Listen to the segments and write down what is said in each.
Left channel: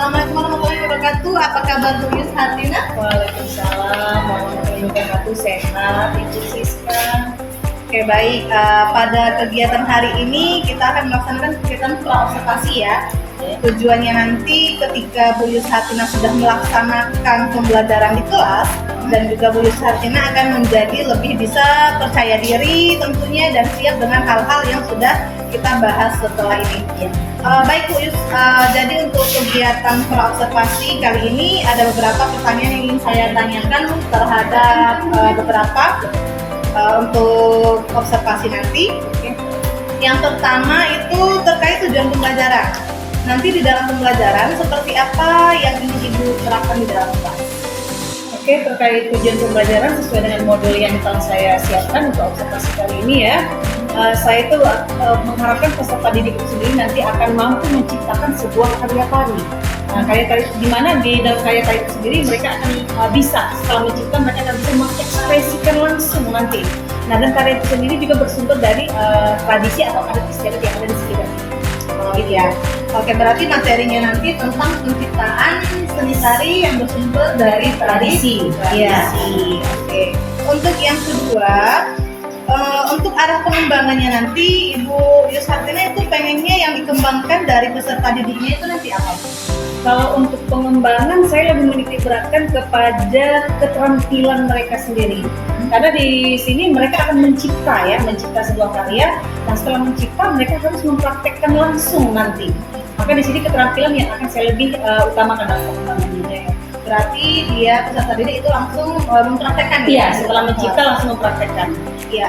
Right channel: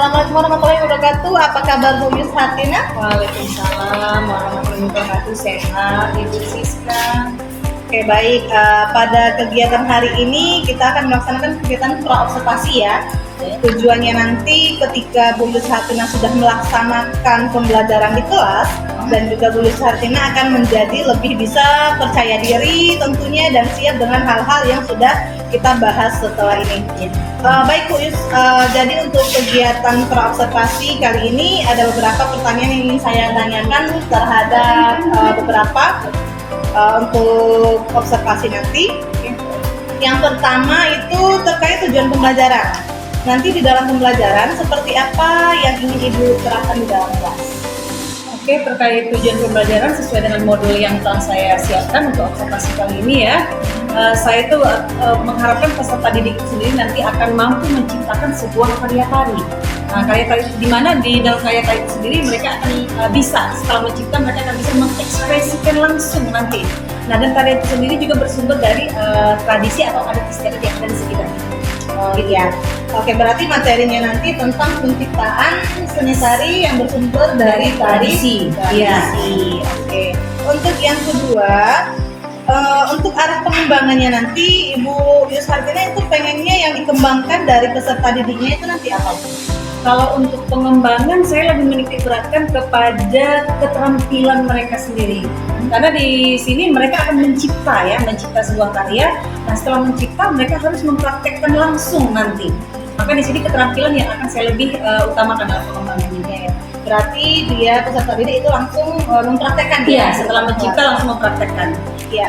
Assalamualaikum warahmatullahi wabarakatuh. Apa kabar Bu Yus Hartina? Waalaikumsalam warahmatullahi wabarakatuh. Sehat, Ibu Siska. Oke, baik. Pada kegiatan hari ini kita akan melaksanakan kegiatan praobservasi ya. Tujuannya nanti ketika Bu Yus Hartina sudah melaksanakan pembelajaran di kelas dan juga Bu Yus Hartina akan menjadi lebih bisa percaya diri tentunya dan siap dengan hal-hal yang sudah kita bahas setelah ini. Baik Bu Yus, jadi untuk kegiatan praobservasi kali ini ada beberapa pertanyaan yang ingin saya tanyakan terhadap beberapa untuk observasi nanti. Yang pertama itu terkait tujuan pembelajaran. Nanti di dalam pembelajaran seperti apa yang ingin Ibu terapkan di dalam kelas? Oke, terkait tujuan pembelajaran sesuai dengan modul yang telah saya siapkan untuk observasi kali ini ya. Saya itu mengharapkan peserta didik itu sendiri nanti akan mampu menciptakan sebuah karya tari. Karya tari di mana di dalam karya tari itu sendiri mereka akan bisa setelah mencipta mereka akan bisa mengekspresikan langsung nanti. Nah, dan karya itu sendiri juga bersumber dari tradisi atau adat istiadat yang ada di sekitar. Iya. Oke, berarti materinya nanti tentang penciptaan seni tari yang bersumber dari tradisi. Iya. Oke. Untuk yang kedua, untuk arah pengembangannya nanti Ibu Yus Hartina itu pengennya yang dikembangkan dari peserta didiknya itu nanti apa? Kalau untuk pengembangan saya lebih menitik beratkan kepada keterampilan mereka sendiri. Karena di sini mereka akan mencipta sebuah karya. Nah, setelah mencipta mereka harus mempraktekkan langsung nanti. Maka di sini keterampilan yang akan saya lebih utamakan dalam pengembangannya ya. Berarti dia peserta didik itu langsung mempraktekkan ya? Iya, setelah mencipta langsung mempraktekkan. Ya,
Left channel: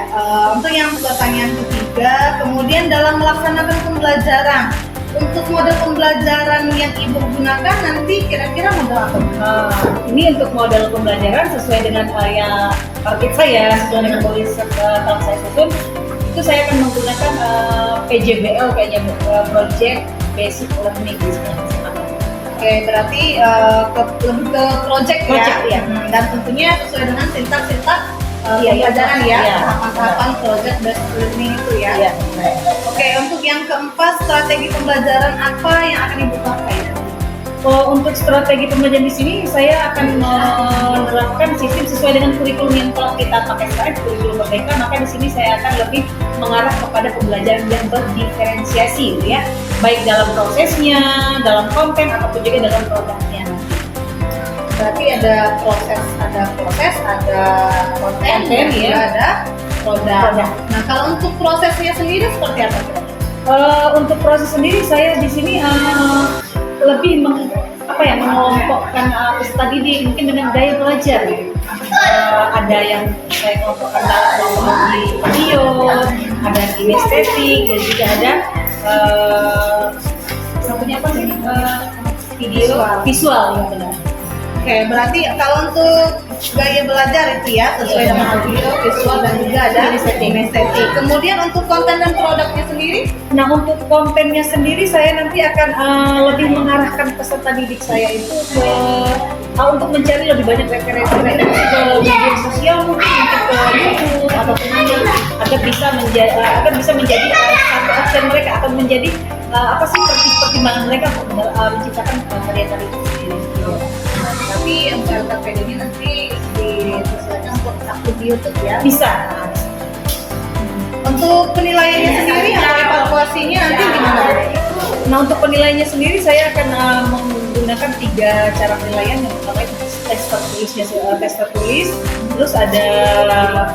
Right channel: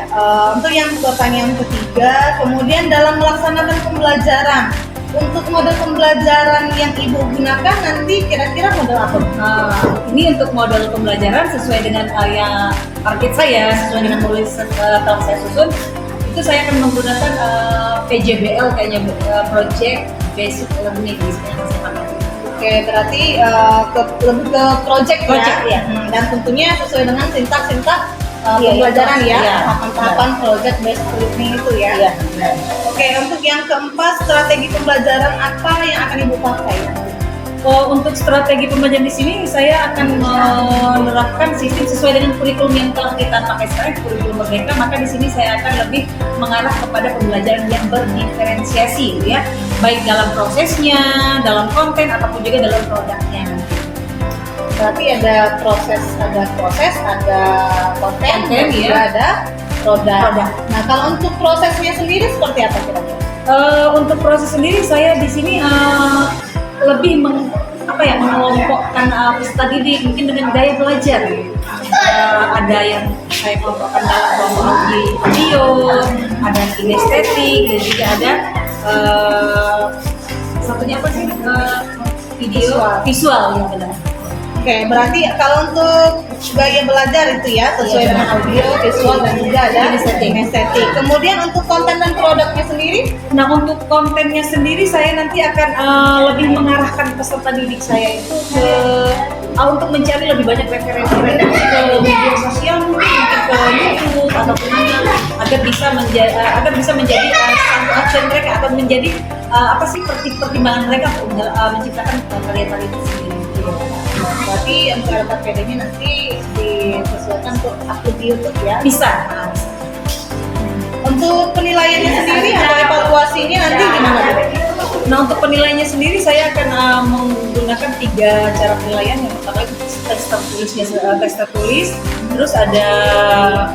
untuk yang pertanyaan ketiga, kemudian dalam melaksanakan pembelajaran, untuk model pembelajaran yang Ibu gunakan nanti kira-kira model apa? Ini untuk model pembelajaran sesuai dengan yang target saya, sesuai dengan modul telah saya susun. Itu saya akan menggunakan PJBL kayaknya, Project Basic Learning. Oke, berarti lebih ke project ya. Dan tentunya sesuai dengan sintak-sintak pembelajaran ya, tahapan-tahapan project based learning itu ya. Iya. Oke, untuk yang keempat, strategi pembelajaran apa yang akan Ibu pakai nanti? Untuk strategi pembelajaran di sini saya akan menerapkan sistem sesuai dengan kurikulum yang telah kita pakai sekarang, kurikulum Merdeka. Maka di sini saya akan lebih mengarah kepada pembelajaran yang berdiferensiasi ya, baik dalam prosesnya, dalam konten ataupun juga dalam produknya. Berarti ada proses, ada konten dan juga ada produk. Nah, kalau untuk prosesnya sendiri seperti apa kira-kira? Untuk proses sendiri saya di sini lebih mengelompokkan peserta didik mungkin dengan gaya belajar. Ada yang saya kelompokkan dalam teknologi video, ada kinestetik, dan juga ada satunya apa sih? Visual ya benar. Oke, berarti kalau untuk gaya belajar itu ya sesuai dengan audio, visual dan juga ada kinestetik. Kemudian untuk konten dan produknya sendiri? Nah, untuk kontennya sendiri saya nanti akan lebih mengarahkan peserta didik saya itu untuk mencari lebih banyak referensi ke media sosial, mungkin ke YouTube ataupun agar bisa menjadi satu action mereka atau menjadi pertimbangan mereka untuk menciptakan karya-karya itu sendiri. Berarti untuk LKPD-nya nanti disesuaikan untuk upload di YouTube ya? Bisa. Untuk penilaiannya sendiri atau evaluasinya nanti gimana? Nah, untuk penilaiannya sendiri saya akan menggunakan 3 cara penilaian. Yang pertama itu tes tertulis, terus ada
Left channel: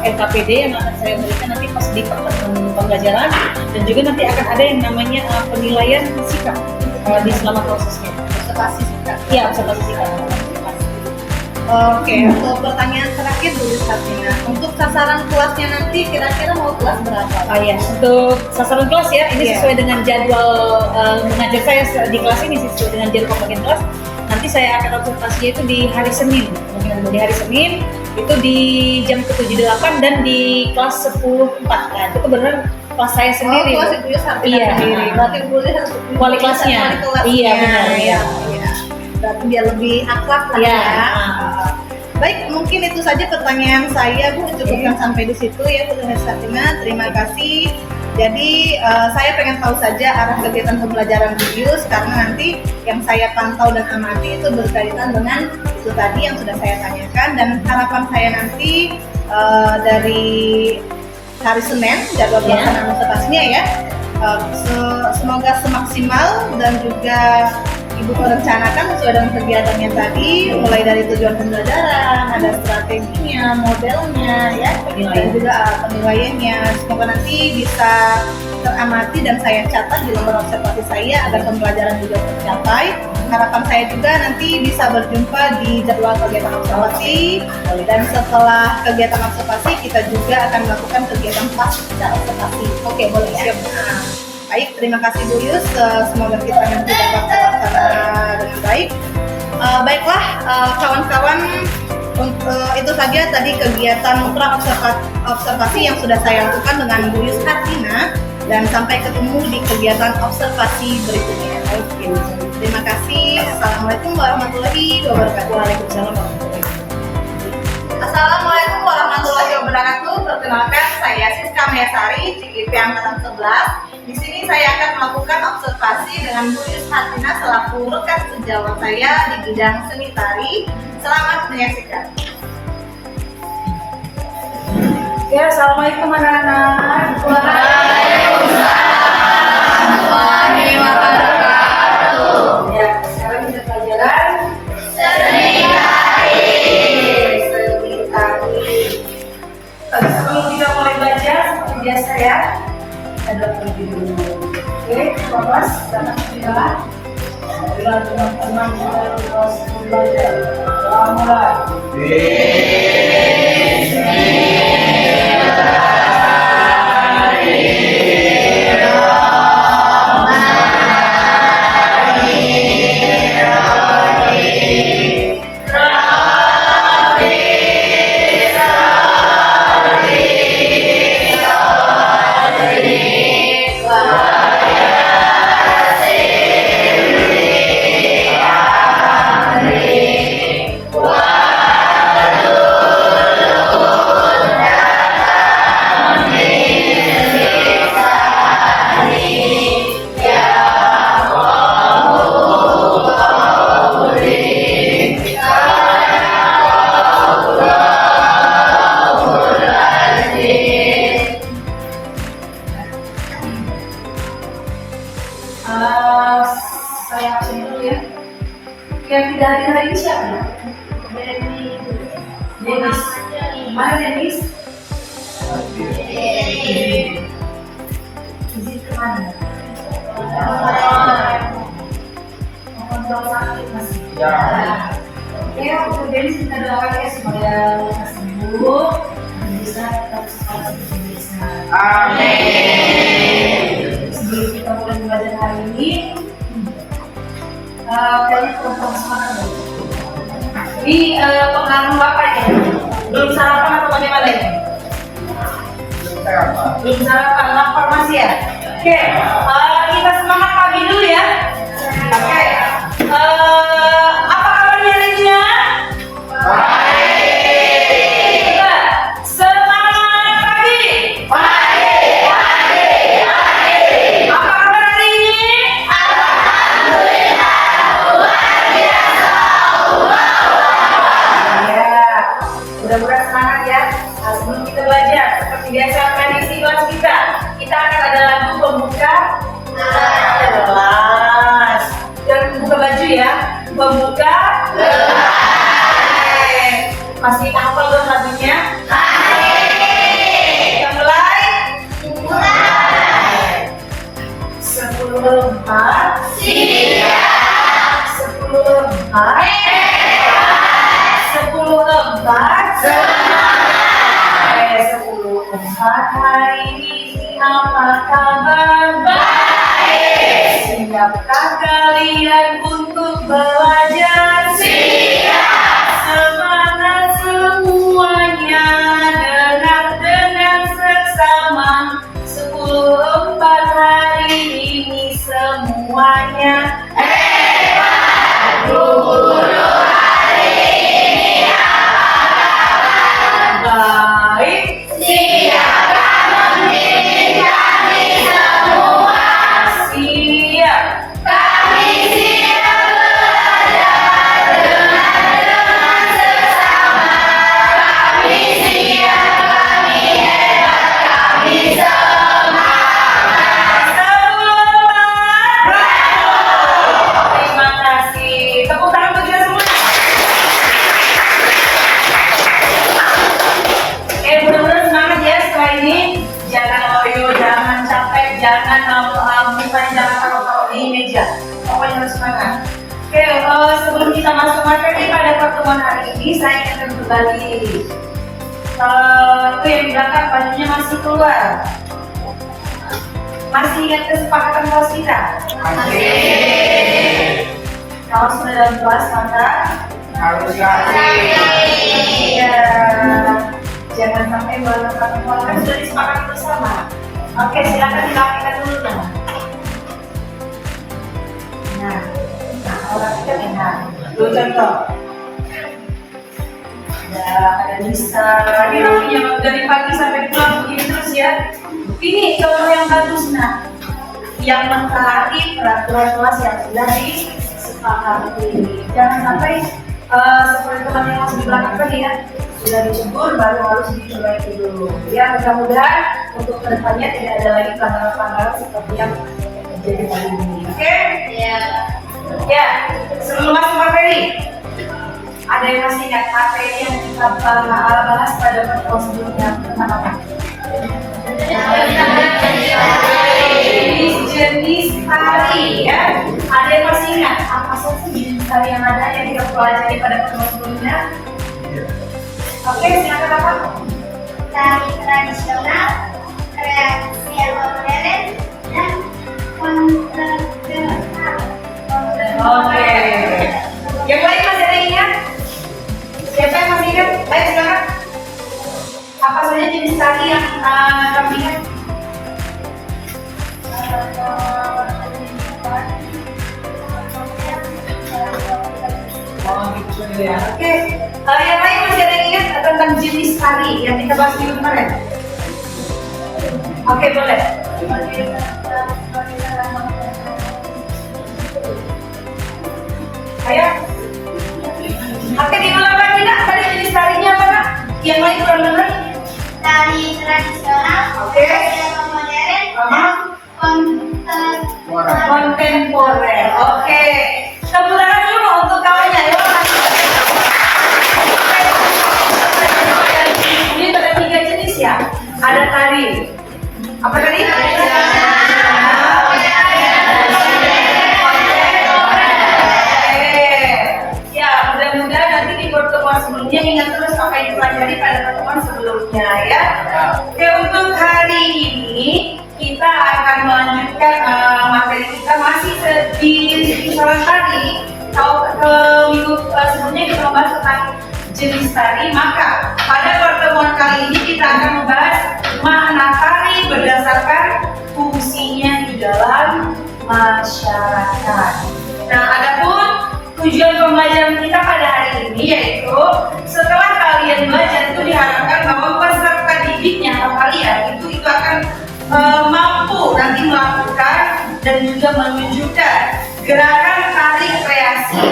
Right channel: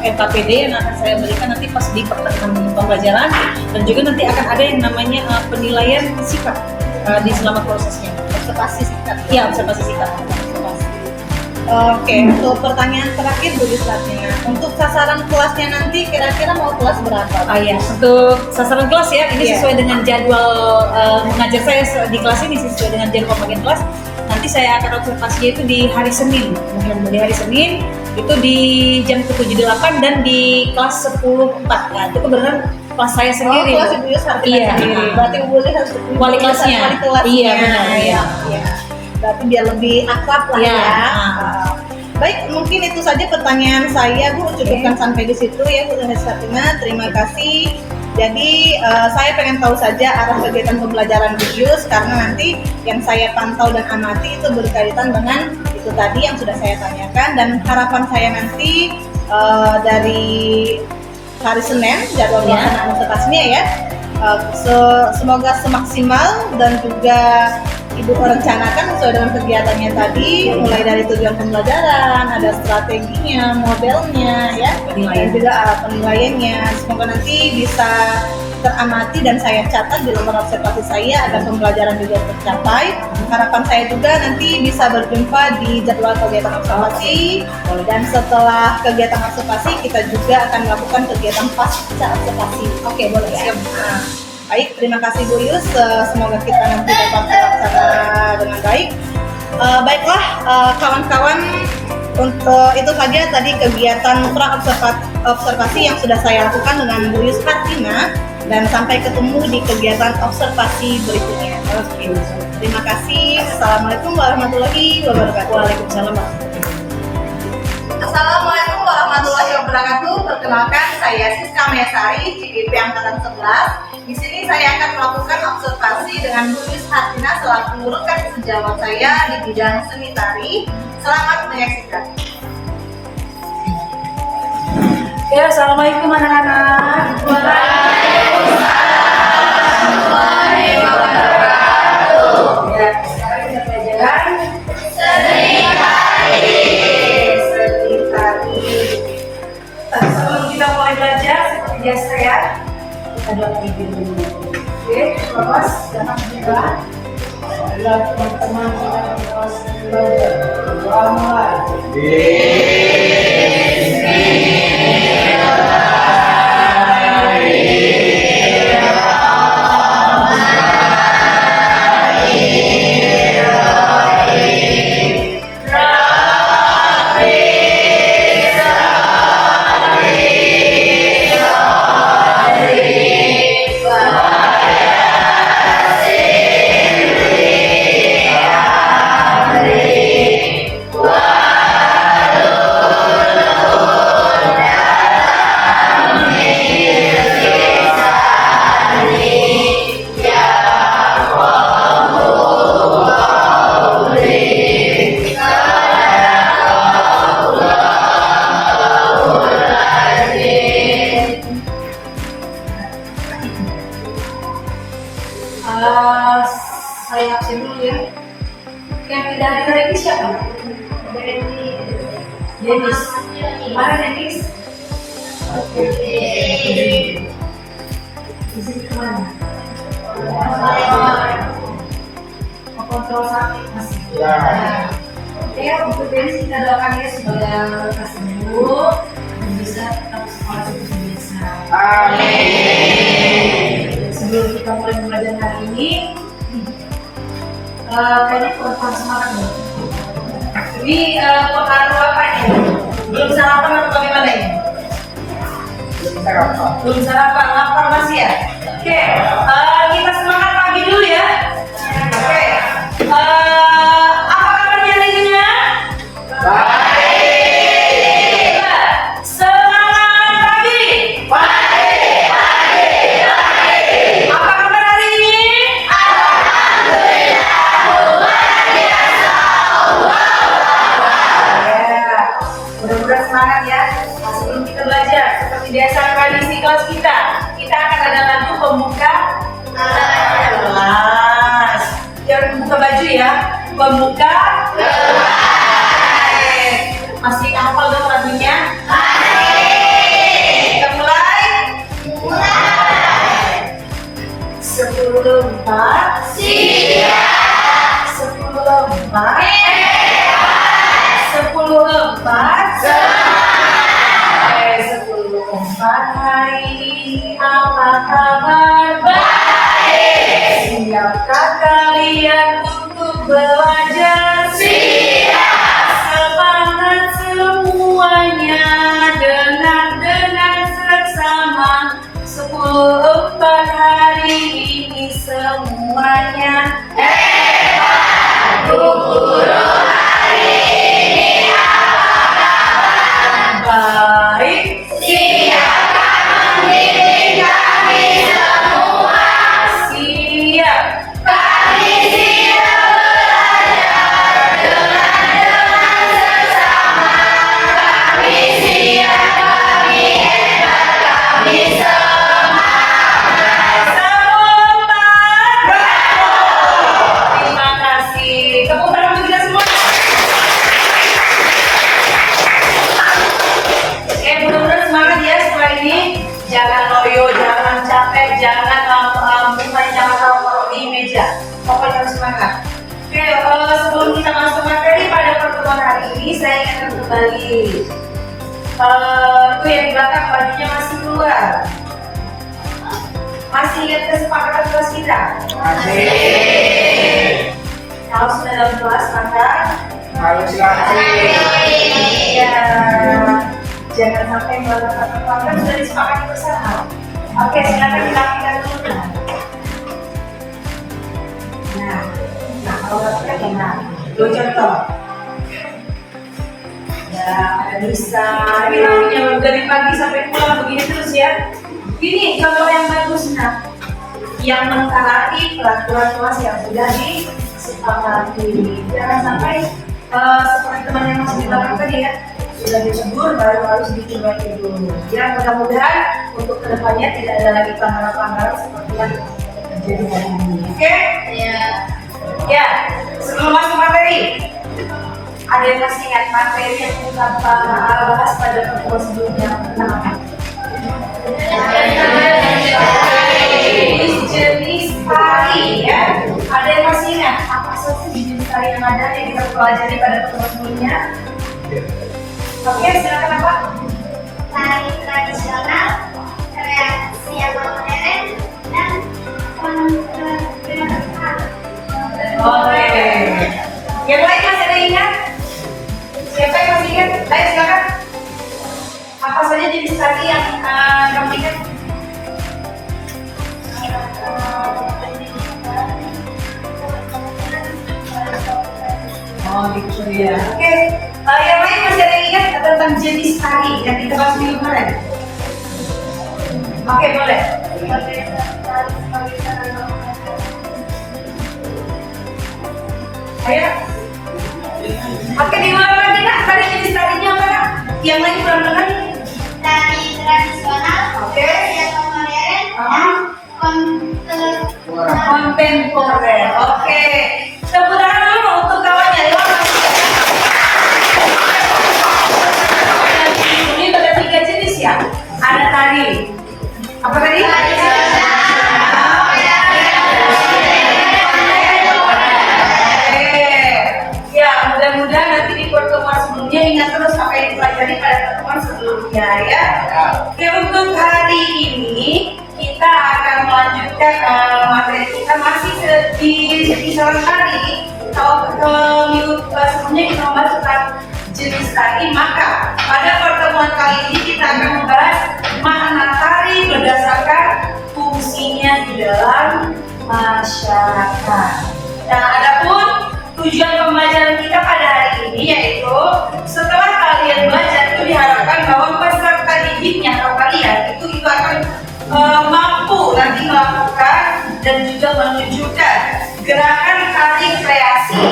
LKPD yang akan saya berikan nanti pas di pertengahan pembelajaran, dan juga nanti akan ada yang namanya penilaian sikap di selama prosesnya. Observasi sikap. Iya, observasi sikap. Oke, untuk pertanyaan terakhir Bu Yus Hartina, untuk sasaran kelasnya nanti kira-kira mau kelas berapa? Untuk sasaran kelas ya, ini sesuai dengan jadwal mengajar saya di kelas ini, sesuai dengan jadwal pembagian kelas. Nanti saya akan observasinya itu di hari Senin, di hari Senin itu di jam ke-7.8 dan di kelas 10.4. Nah, itu kebetulan kelas saya sendiri. Kelas Ibu Yus Hartina sendiri. Berarti Ibu Yus harus wali kelasnya. Iya, benar. Iya. Berarti biar lebih akrab lah ya. Baik, mungkin itu saja pertanyaan saya Bu, cukupkan sampai di situ ya Bu Yus Hartina. Terima kasih Jadi saya pengen tahu saja arah kegiatan pembelajaran Bu Yus, karena nanti yang saya pantau dan amati itu berkaitan dengan itu tadi yang sudah saya tanyakan, dan harapan saya nanti dari hari Senin jadwal pelaksanaan observasinya ya, semoga semaksimal dan juga Ibu merencanakan sesuai dengan kegiatannya tadi, mulai dari tujuan pembelajaran, ada strateginya, modelnya, ya, dan juga penilaiannya. Semoga nanti bisa teramati dan saya catat di lembar observasi saya agar pembelajaran juga tercapai. Harapan saya juga nanti bisa berjumpa di jadwal kegiatan observasi, dan setelah kegiatan observasi kita juga akan melakukan kegiatan pasca observasi. Oke, boleh ya? Baik, terima kasih Bu Yus. Semoga kita nanti dapat terlaksana dengan baik. Baiklah, kawan-kawan, untuk itu saja tadi kegiatan observasi yang sudah saya lakukan dengan Bu Yus Hartina, dan sampai ketemu di kegiatan observasi berikutnya. Oke, terima kasih. Assalamualaikum warahmatullahi wabarakatuh. Waalaikumsalam. Assalamualaikum warahmatullahi wabarakatuh. Perkenalkan, saya Siska Mayasari, CGP Angkatan 11. Di sini saya akan melakukan observasi dengan Bu Yus Hartina selaku rekan sejawat saya di bidang seni tari. Selamat menyaksikan. Oke, assalamualaikum anak-anak. Ya, sekarang kita pelajaran Seni tari. sebelum kita mulai belajar seperti biasa ya, kita doa terlebih dulu. Oke, Bapak, datang kita. Adalah teman-teman kita di kelas belajar. Doa mulai. Saya absen dulu ya. Yang tidak hadir hari ini siapa? Denis. Mana Denis? Izin kemana? Mau kontrol sakit masih? Ya. Oke, untuk Denis kita doakan ya semoga lekas sembuh dan bisa tetap sekolah seperti biasa. Amin. Sebelum kita mulai belajar hari ini, kayaknya kurang semangat nih. Ini pengaruh apa nih? Belum sarapan atau bagaimana ini? Belum sarapan, lapar masih ya? Oke, kita semangat pagi dulu ya. Oke, apa kabarnya lainnya? Baik. Semangat pagi. Apa kabar hari ini? Mudah-mudahan semangat ya. Nah, sebelum kita belajar, seperti biasa tradisi kelas kita akan ada lagu pembuka kelas. Jangan buka baju ya, pembuka kelas. Masih hafal dong lagunya? Kita mulai. 10 lembar. Siap. 10 lembar. 10 lembar. 10 lembar. Hari ini apa kabar? Baik. Siapkah kalian untuk belajar? Siap. Semangat semuanya, dengar dengan seksama. 10 lembar hari ini semuanya hebat. Guru baik, siapkan diri kami Oke, sebelum kita masuk materi pada pertemuan hari ini, saya ingin kembali. Itu yang di belakang bajunya masih keluar. Masih ingat kesepakatan kelas kita? Masih. Kalau sudah dalam kelas maka Harus lagi. ya jangan sampai melanggar kan sudah disepakati bersama. Oke, silakan dilakukan dulu. Nah, kalau kita enak. Dua contoh. Ya, ada Nisa. Kita punya dari pagi sampai pulang begini terus ya. Ini contoh yang bagus, nah, yang mentaati peraturan kelas yang sudah disepakati. Jangan sampai seperti teman yang masih di belakang tadi ya, sudah dicebur baru harus dicoba dulu. Ya, mudah-mudahan untuk kedepannya tidak ada lagi pelanggaran-pelanggaran seperti yang terjadi hari ini. Oke? Ya. Ya, sebelum masuk materi, ada yang masih ingat materi yang kita bahas pada pertemuan sebelumnya tentang apa? Jenis tari ya. Ada yang masih ingat apa saja jenis tari yang ada yang kita pelajari pada pertemuan sebelumnya? Oke, silakan apa? Tari tradisional, kreasi atau modern, dan kontemporer. Oke. Yang lain masih ada yang ingat? Siapa yang masih ingat? Ayo silakan. Apa saja jenis tari yang kamu ingat? Oh gitu ya. Oke. Yang lain masih ada yang ingat tentang jenis tari yang kita bahas minggu kemarin? Oke, boleh. Ayo. Oke, diulang lagi nak. Tadi jenis tarinya apa nak? Yang lain belum dengar? Tari tradisional, Oke. kreasi atau modern, dan kontemporer. Kontemporer. Oke. Tepuk tangan dulu untuk kawannya. Ini ada 3 jenis ya. Ada tari. Apa tadi? Ya, mudah-mudahan nanti di pertemuan sebelumnya ingat terus apa yang dipelajari pada pertemuan sebelumnya ya. Oke, untuk hari ini kita akan melanjutkan materi kita masih di kisaran tari. Kalau ke minggu sebelumnya kita membahas tentang jenis tari, maka pada pertemuan kali ini kita akan membahas makna tari berdasarkan fungsinya di dalam masyarakat. Nah, adapun tujuan pembelajaran kita pada hari ini yaitu setelah kalian belajar itu diharapkan bahwa peserta didiknya atau kalian itu akan mampu nanti melakukan dan juga menunjukkan gerakan tari kreasi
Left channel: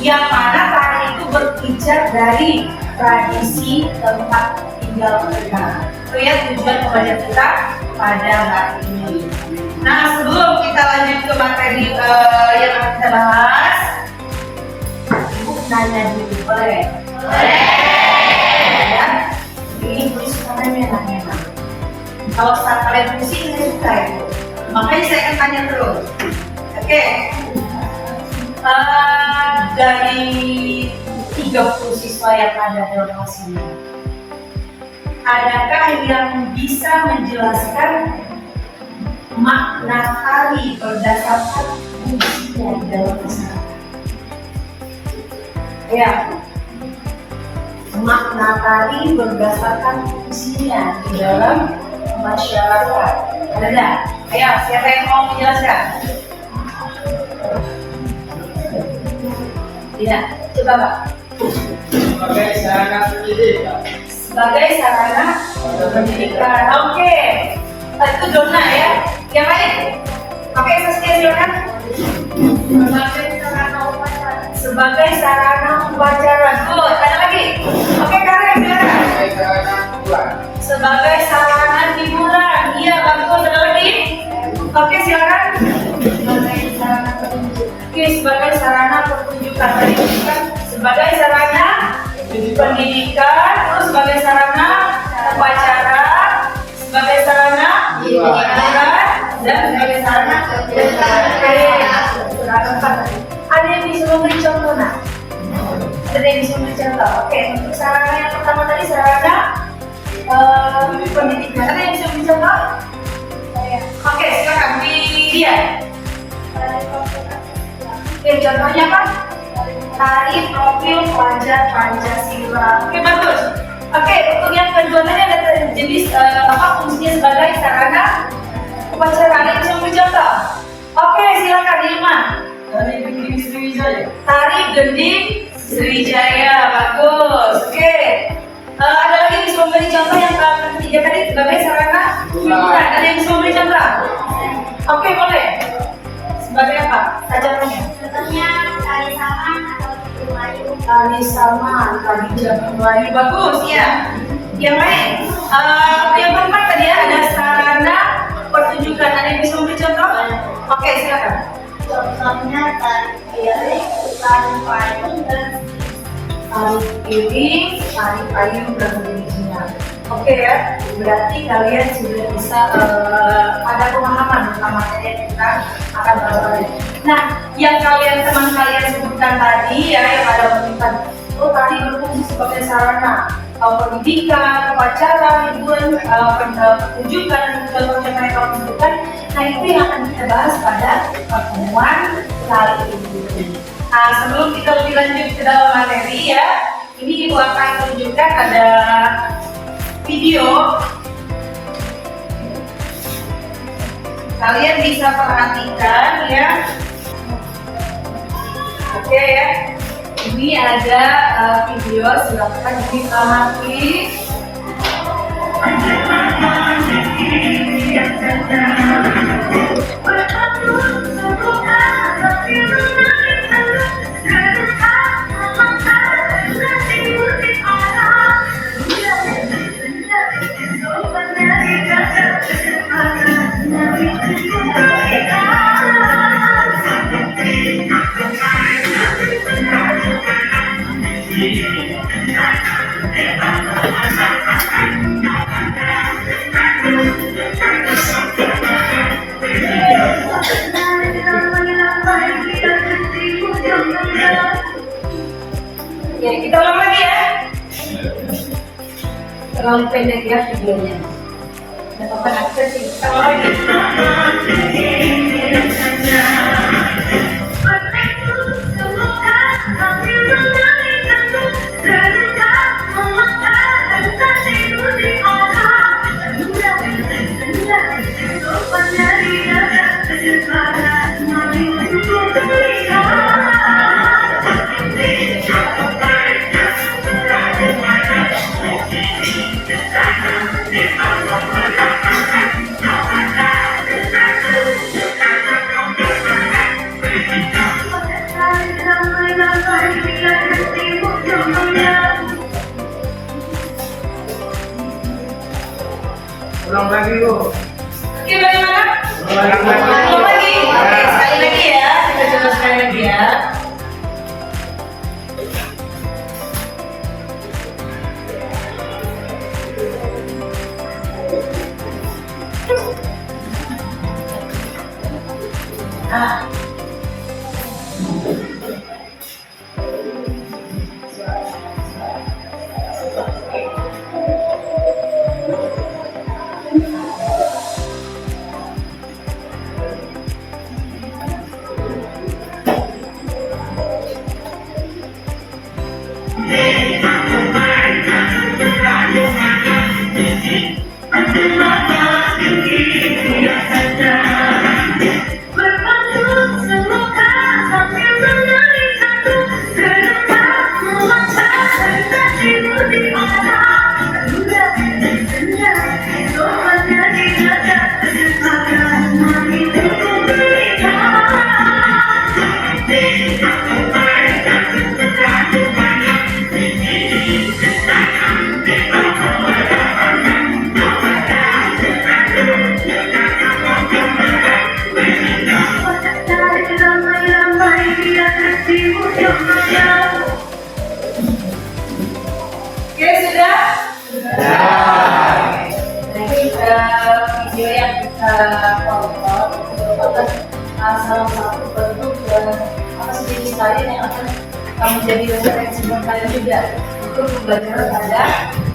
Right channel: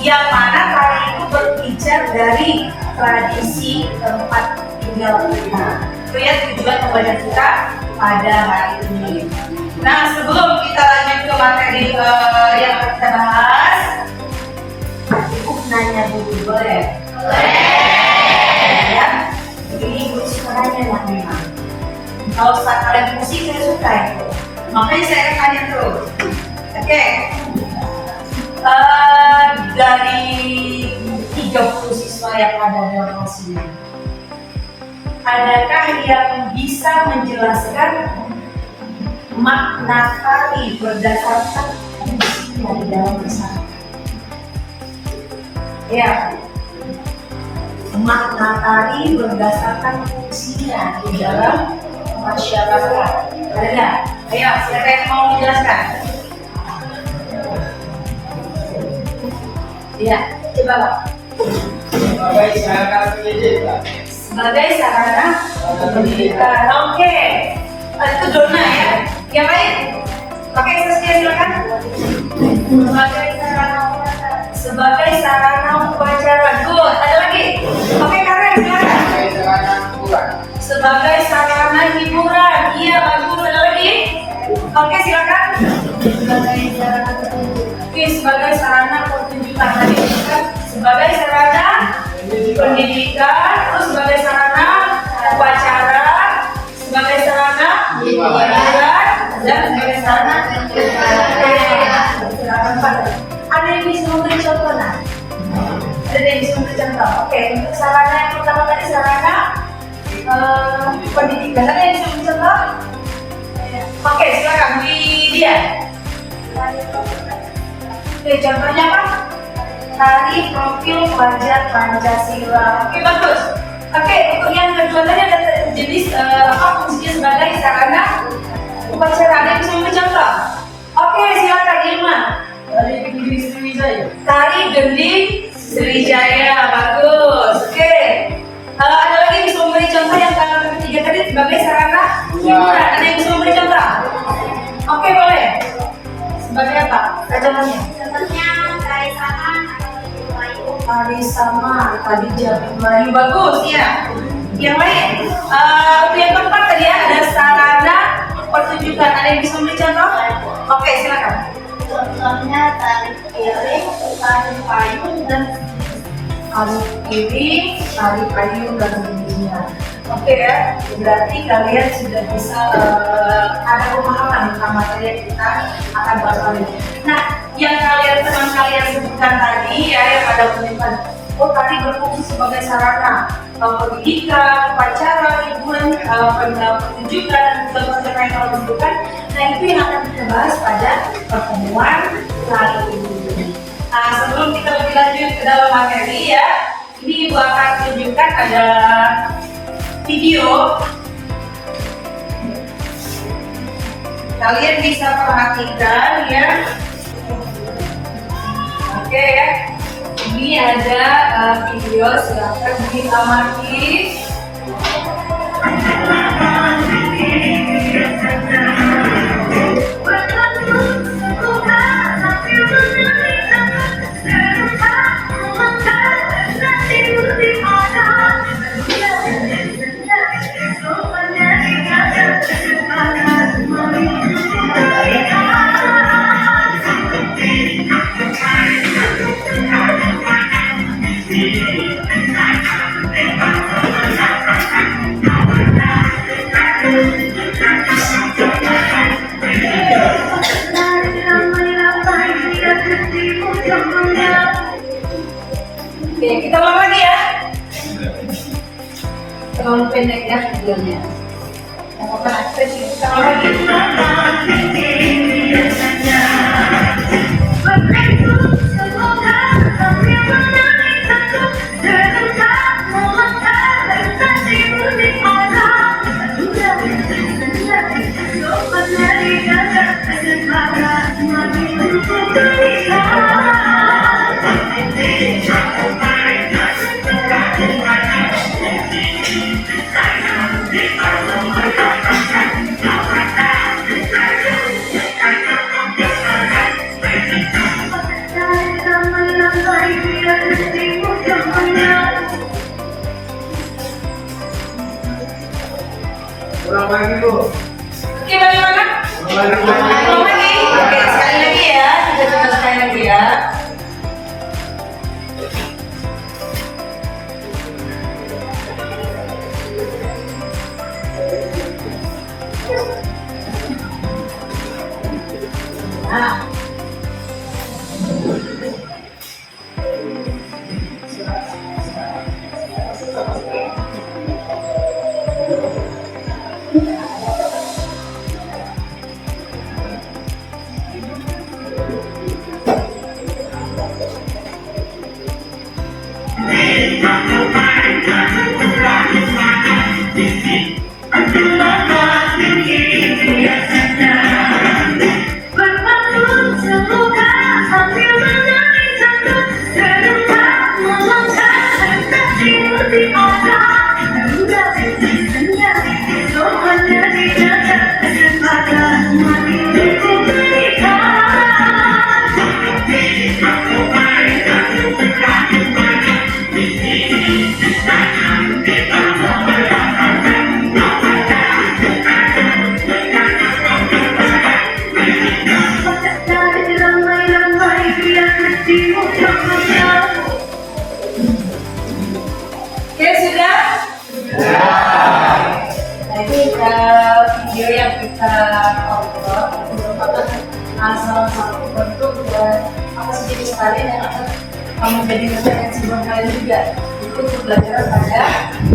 yang mana tari itu berpijak dari tradisi tempat tinggal kita. Itu ya tujuan pembelajaran kita pada hari ini. Nah, sebelum kita lanjut ke materi yang akan kita bahas, Ibu nanya dulu, boleh? Ya, ini Ibu suka nanya lah memang. Kalau saat kalian musik saya suka itu, makanya saya akan tanya terus. Oke. Dari 30 siswa yang ada dalam kelas ini, adakah yang bisa menjelaskan makna tari berdasarkan fungsinya di dalam masyarakat? Ya, makna tari berdasarkan fungsinya di dalam masyarakat. Ada nggak? Ayo, siapa yang mau menjelaskan? Ya, coba Pak. Sebagai sarana pendidikan. Sebagai sarana pendidikan. Oke. Itu Dona ya. Yang lain? Oke, Saskia silakan. Sebagai sarana upacara. Sebagai sarana upacara. Good. Ada lagi? Oke, Karen silakan. Sebagai sarana hiburan. Sebagai sarana hiburan. Iya, bagus. Ada lagi? Oke, silakan. Sebagai sarana petunjuk. Oke, sebagai sarana pertunjukan tadi kan sebagai sarana pendidikan, terus sebagai sarana upacara, sebagai sarana hiburan, dan sebagai sarana Pendidikan. ada yang bisa memberi contoh nak? Ada yang bisa memberi contoh? Oke, untuk sarana yang pertama tadi sarana pendidikan, ada yang bisa memberi contoh? Oke, silakan dia. Oke, contohnya apa? Tari profil pelajar Pancasila. Oke, bagus. Oke, untuk yang kedua tadi ada jenis fungsinya sebagai sarana upacara. Ada yang bisa memberi contoh? Oke, silakan Ilman. Tari gending Sriwijaya. Tari gending Sriwijaya, bagus. Oke. Ada lagi yang bisa memberi contoh yang ketiga tadi sebagai sarana hiburan. Ada yang bisa memberi contoh? Oke, boleh. Sebagai apa? Contohnya? Contohnya tari saman atau tari Melayu. Tari sama, tari Jawa Melayu, bagus ya. Yang lain? Yang keempat tadi ada sarana pertunjukan. Ada yang bisa memberi contoh? Oke, silakan. Contohnya tari piring, tari payung, dan Tari piring, tari payung, dan sejenisnya. Oke ya, berarti kalian sudah bisa ada pemahaman tentang materi yang kita akan bahas kali ini. Nah, yang teman kalian sebutkan tadi ya, yang ada penelitian, oh tadi berfungsi sebagai sarana pendidikan, upacara, hiburan, pertunjukan, dan segala yang kalian sebutkan. Nah, itu yang akan kita bahas pada pertemuan kali ini. Nah, sebelum kita lebih lanjut ke dalam materi ya, ini Ibu akan tunjukkan ada video. Kalian bisa perhatikan ya. Oke ya. Ini ada video, silakan diamati. Oke, kita ulang lagi ya. Terlalu pendek ya videonya. Tidak apa-apa, kita ulang lagi. Ulang lagi Bu. Oke, bagaimana? Ulang lagi. Oke, sekali lagi ya. Kita coba sekali lagi ya. Nah. Oke, sudah? Nah, ini video yang kita tonton merupakan salah satu bentuk apa sih tarian yang akan menjadi referensi buat kalian juga untuk pembelajaran pada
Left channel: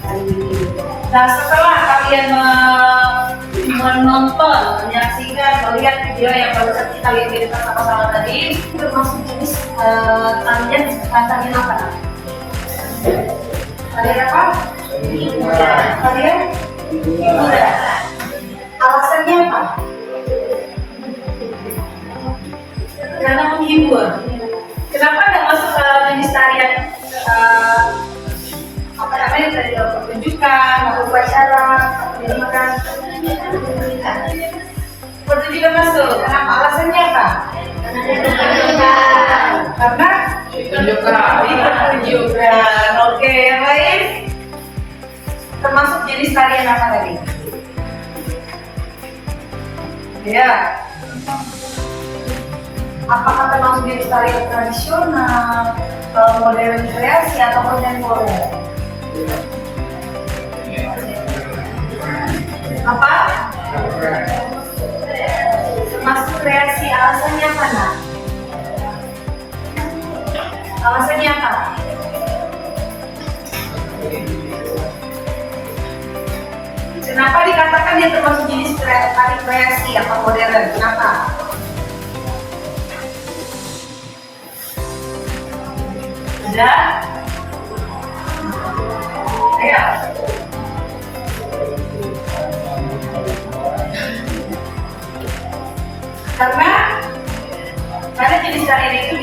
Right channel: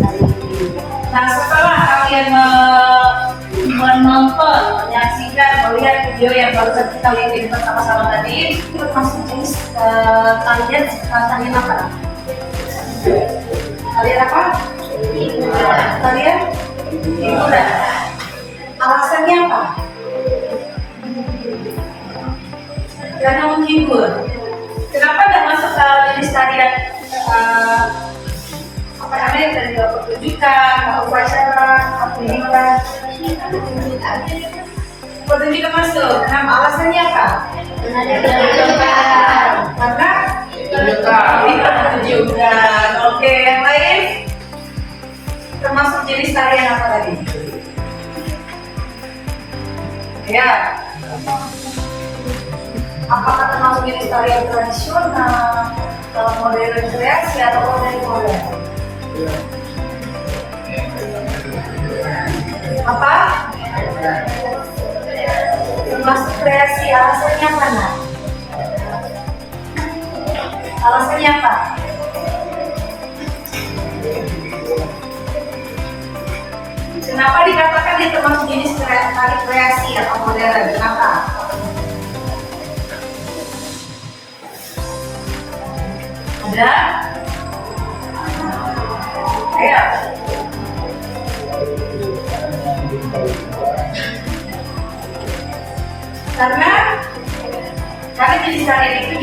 hari ini. Nah, setelah kalian menonton, menyaksikan, melihat video yang barusan kita lihat di depan sama-sama tadi, itu termasuk jenis tarian apa? Tarian apa? Tarian hiburan. Alasannya apa? Karena menghibur. Kenapa tidak masuk ke jenis tarian apa namanya tadi, pertunjukan, atau upacara, pendidikan? Pertunjukan masuk. Kenapa? Alasannya apa? Karena pertunjukan. Oke, yang lain termasuk jenis tarian apa tadi? Ya. Apakah termasuk jenis tarian tradisional, modern kreasi atau kontemporer? Apa? Termasuk kreasi. Alasannya mana? Alasannya apa? Kenapa dikatakan dia termasuk jenis tari kreasi atau modern? Kenapa? Ada? Ayo. Karena jenis tarian itu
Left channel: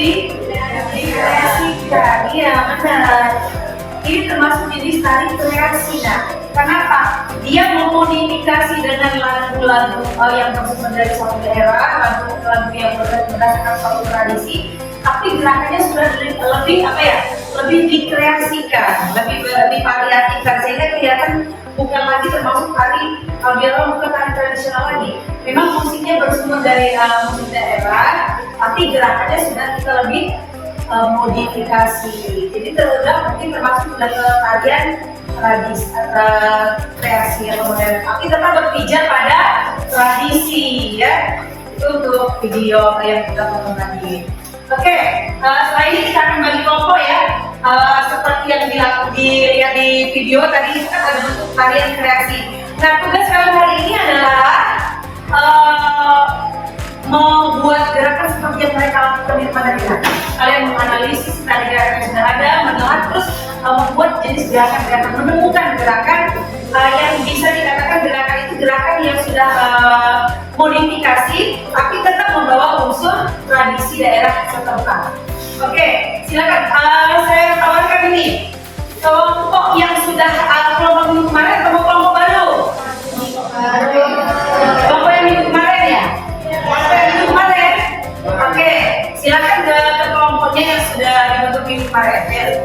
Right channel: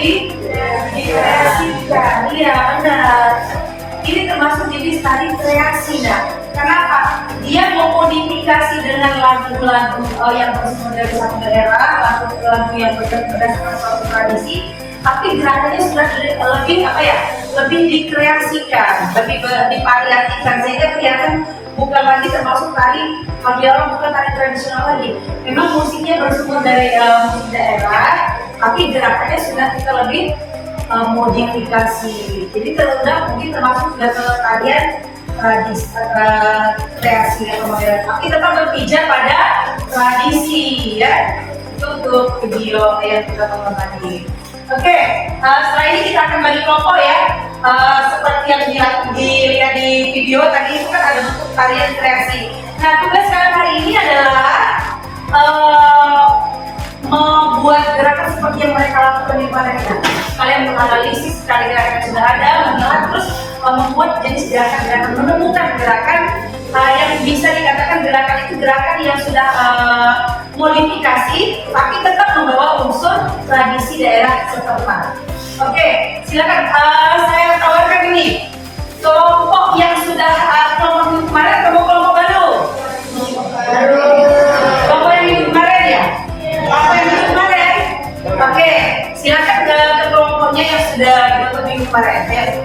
dikreasikan. Iya, benar. Ini termasuk jenis tari kreasi. Nah, kenapa? Dia memodifikasi dengan lagu-lagu yang bersumber dari satu daerah, lagu yang berdasarkan suatu tradisi, tapi gerakannya sudah lebih dikreasikan, lebih divariasikan, sehingga kelihatan bukan lagi termasuk tari dialog, bukan tari tradisional lagi. Memang musiknya bersumber dari musik daerah, tapi gerakannya sudah kita lebih modifikasi. Jadi mungkin termasuk ke tarian kreasi atau modern, tapi tetap berpijak pada tradisi ya. Itu untuk video yang kita tonton tadi. Oke, setelah ini kita akan bagi kelompok ya. Seperti yang dilihat di video tadi, itu kan ada bentuk tarian kreasi. Nah, tugas kalian hari ini adalah membuat gerakan seperti yang mereka lakukan di depan kita. Kalian menganalisis tadi gerakan yang sudah ada, menolak, terus membuat jenis gerakan-gerakan, menemukan gerakan yang bisa dikatakan gerakan itu gerakan yang sudah modifikasi, tapi tetap membawa unsur tradisi daerah setempat. Oke, silakan. Saya tawarkan ini kelompok yang sudah kelompok minggu kemarin atau kelompok baru? Kelompok yang minggu kemarin ya? Kelompok yang minggu kemarin? Oke, silakan ke kelompoknya yang sudah dibentuk minggu kemarin ya.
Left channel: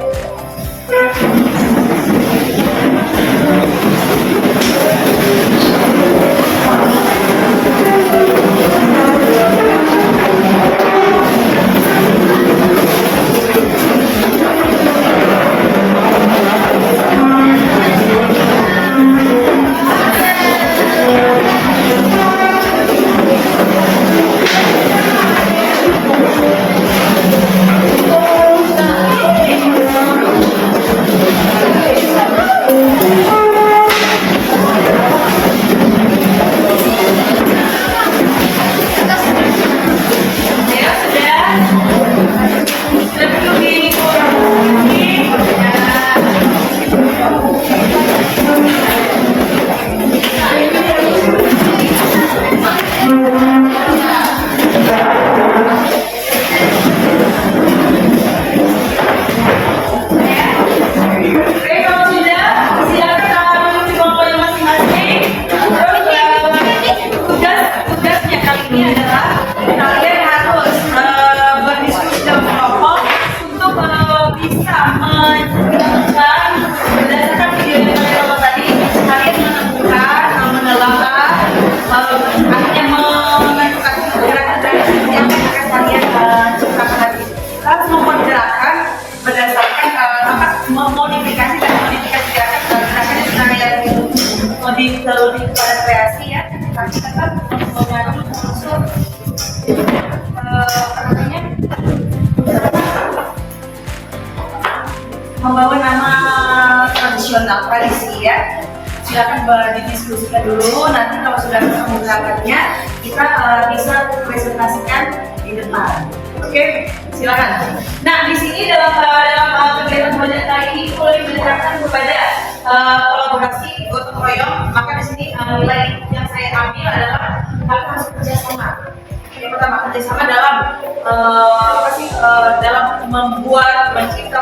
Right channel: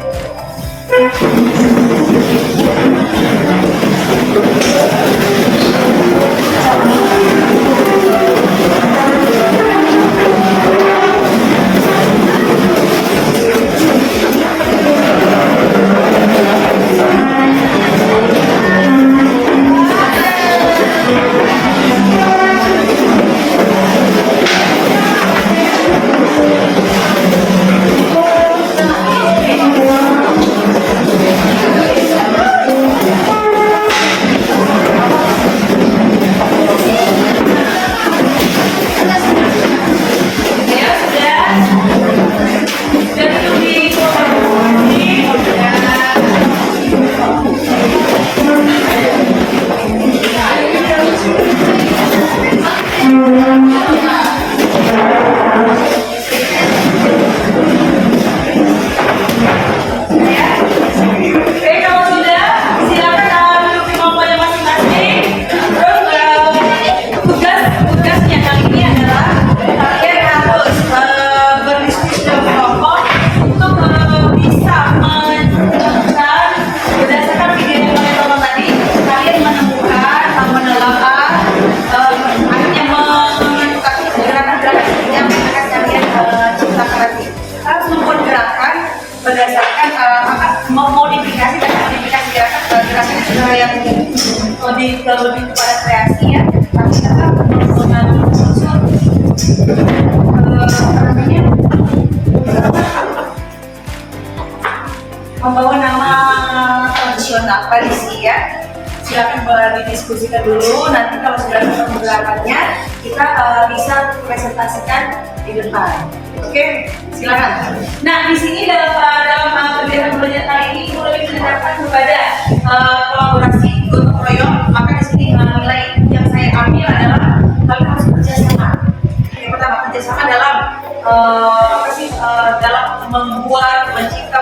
Lebih kepada kreasi ya, tapi tetap mengandung unsur apa namanya membawa nama tradisional tradisi ya. Silakan didiskusikan dulu. Nanti kalau sudah ketemu gerakannya, kita bisa presentasikan di depan. Oke, silakan. Nah, di sini dalam kegiatan belajar kali ini boleh menceritakan kepada kolaborasi gotong royong. Maka di sini nilai yang saya ambil adalah kalian harus kerjasama. Yang pertama kerjasama dalam dalam membuat, mencipta,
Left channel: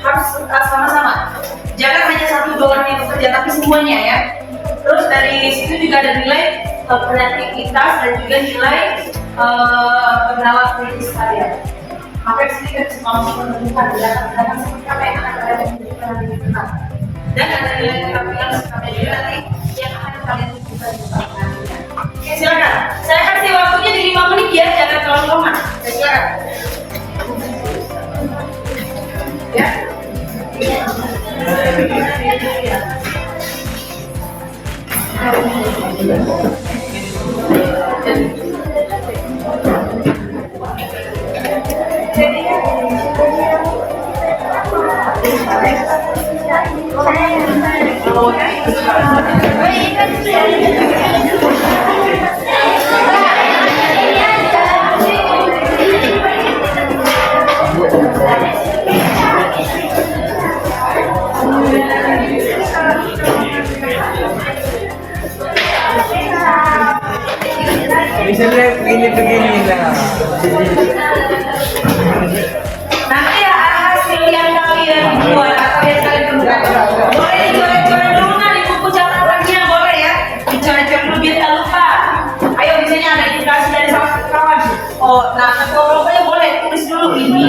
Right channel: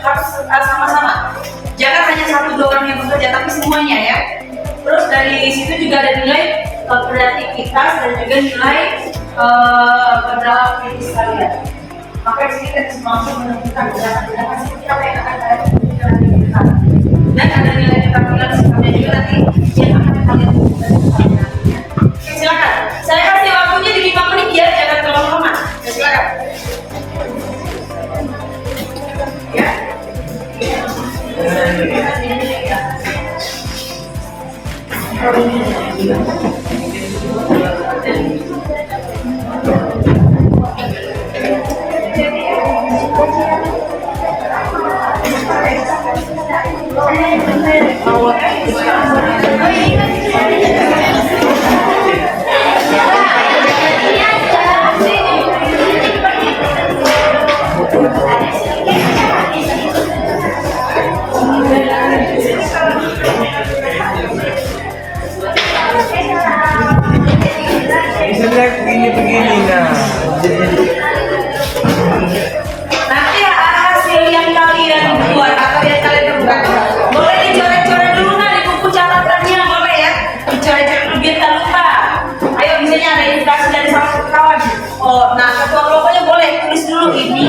harus sama-sama. Jangan hanya satu dua orang yang bekerja, tapi semuanya ya. Terus dari situ juga ada nilai kreativitas dan juga nilai pendalam kritis kalian. Maka di sini kita mampu menemukan gerakan-gerakan seperti apa yang akan kalian lakukan nanti ke depan. Dan ada nilai keterampilan sikapnya juga nanti yang akan kalian lakukan nantinya. Oke, silakan. Saya kasih waktunya di 5 menit ya, jangan terlalu lama. Ya, silakan. Ya. Begini nah. Nanti hasil yang kalian buat atau yang kalian temukan boleh dicoret-coret dulu nah di buku catatannya, boleh ya, dicoret-coret dulu biar tak lupa. Ayo, misalnya ada indikasi dari salah satu kawan. Oh, nah pokoknya boleh tulis dulu ini.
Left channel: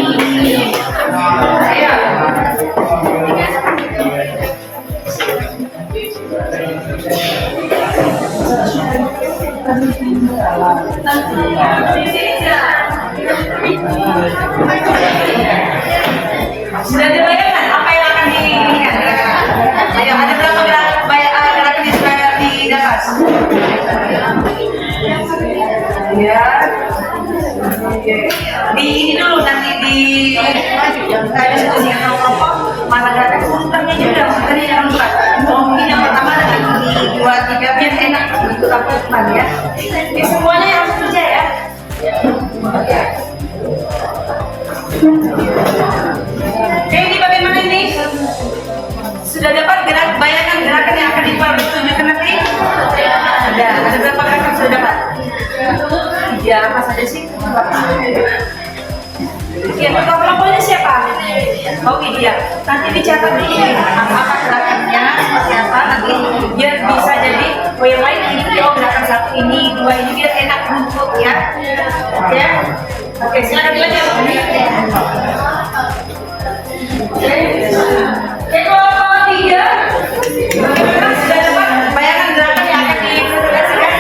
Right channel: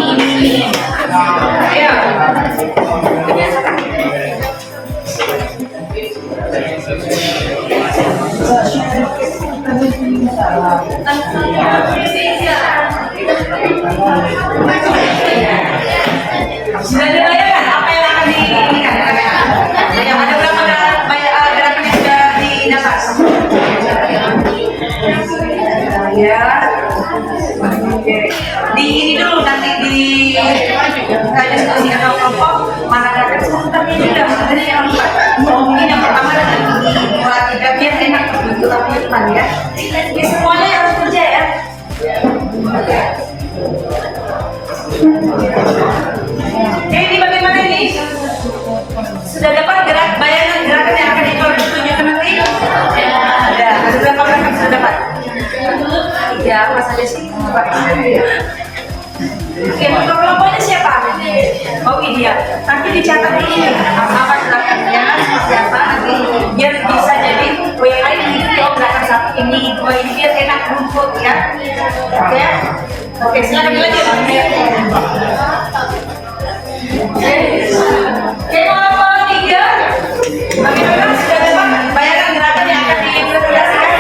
Ayo. Sudah dibayangkan apa yang akan diinikan? Ayo, ada berapa gerakan yang sudah didapat? Ya. Oke. Di ini dulu nanti di kajian diskusi atau kelompok mana gerakan sebenarnya juga tadi yang lupa. Mungkin yang pertama dan ini 2, 3 biar enak untuk apa depan ya. Oke, semuanya harus kerja ya. Oke. Ini bagaimana ini? Sudah dapat bayangan gerakan yang akan ditunjukkan nanti? Ada berapa gerakan sudah dapat? 3, Mas ada sih? Oke, kelompoknya siapa? Oh iya, nanti dicatat ini apa gerakannya seperti apa nanti biar bisa jadi yang lain ini gerakan satu ini 2 ini biar enak rumput ya. Oke, oke silakan dilanjut. Oke, kelompok 3 bagaimana sudah dapat bayangan gerakan yang akan diintegrasikan?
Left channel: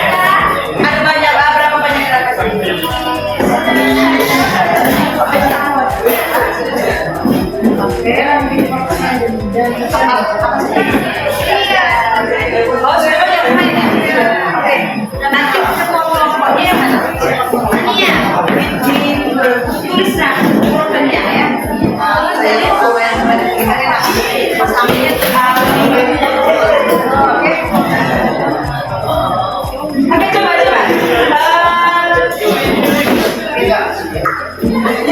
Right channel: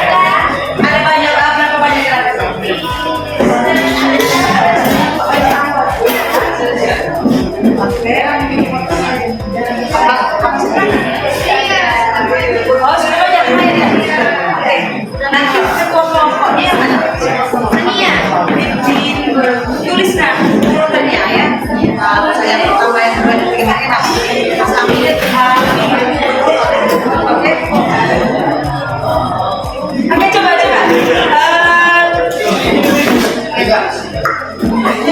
Ada berapa banyak gerakan? Oke. Oh, sudah banyak mainnya. Oke. Nanti kelompok-kelompoknya tulis nah urutannya ya. Saya mau tahu yang bagaimana Mas Amir. Oke. Oke, coba.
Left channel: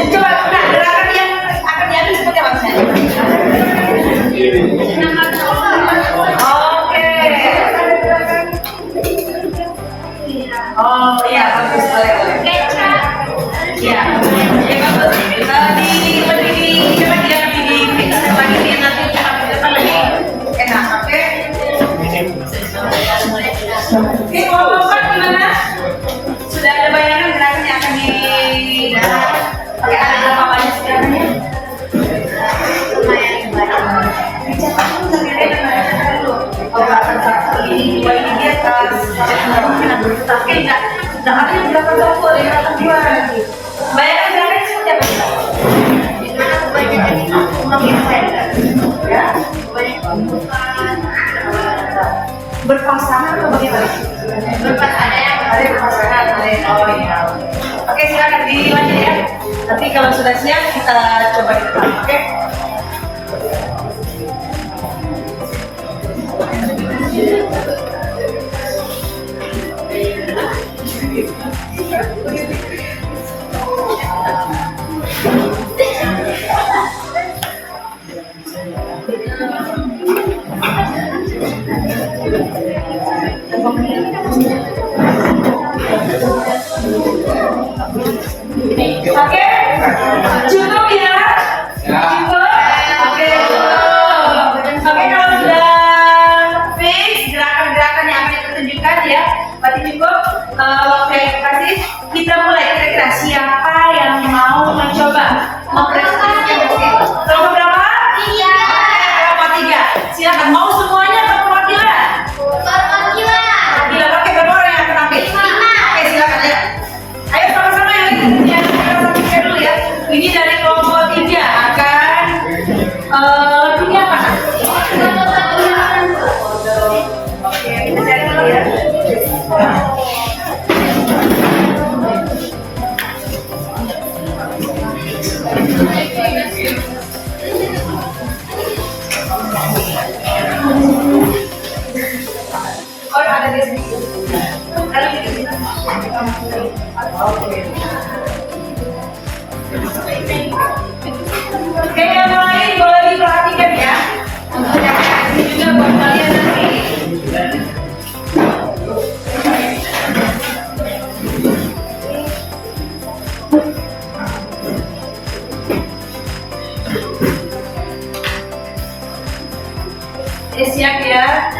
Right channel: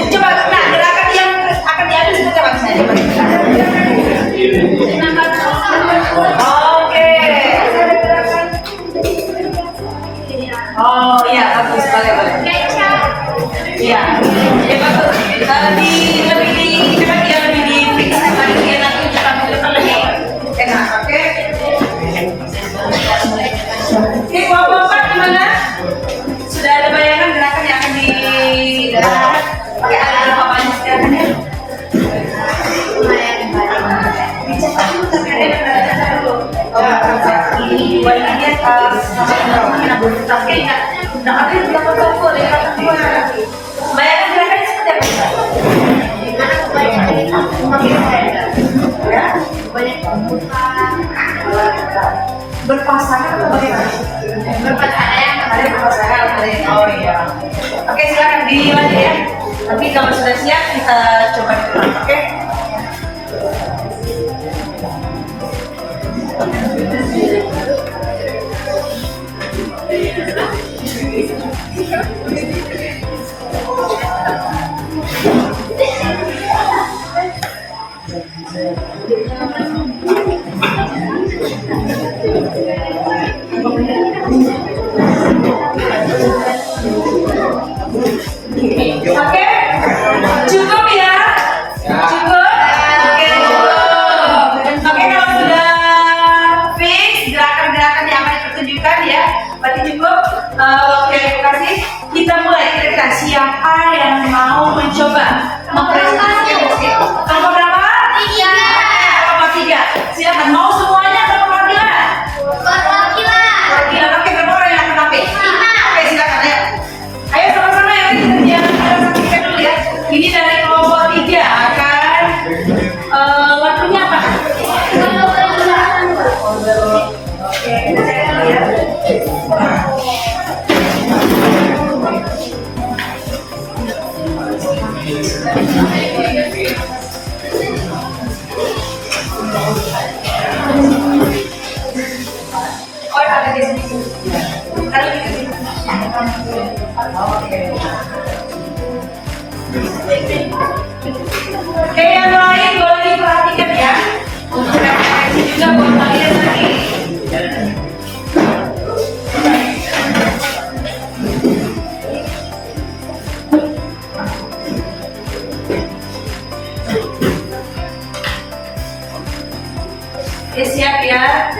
Coba, nah gerakan yang akan diambil seperti apa misalnya? Oke. Oh iya, bagus boleh. Iya, ya bagus. Lebih di fix lagi dia nanti kita lebih enak, oke? Oke, kelompok 4 gimana? Sudah ada bayangan gerakan yang akan didapat? Oke, ada berapa banyak gerakannya? Lumayan banyak. Dicatat dulu tapi ada bayangan dulu. Oh, ini 2 ini atas tapi enggak ada berapa toko ada yang akan keluar lagi. Bayangan gerakannya seperti apa? Gimana kebanyakan itu? Ya? Banyak pembukaan. Berpasangan atau bagaimana? Berpasangan. Ada berpasangan, ada. Oh iya. Oke, silakan dilanjut ya. Nanti kalau sudah siap kita coba di depan, oke? Oke, siap ya.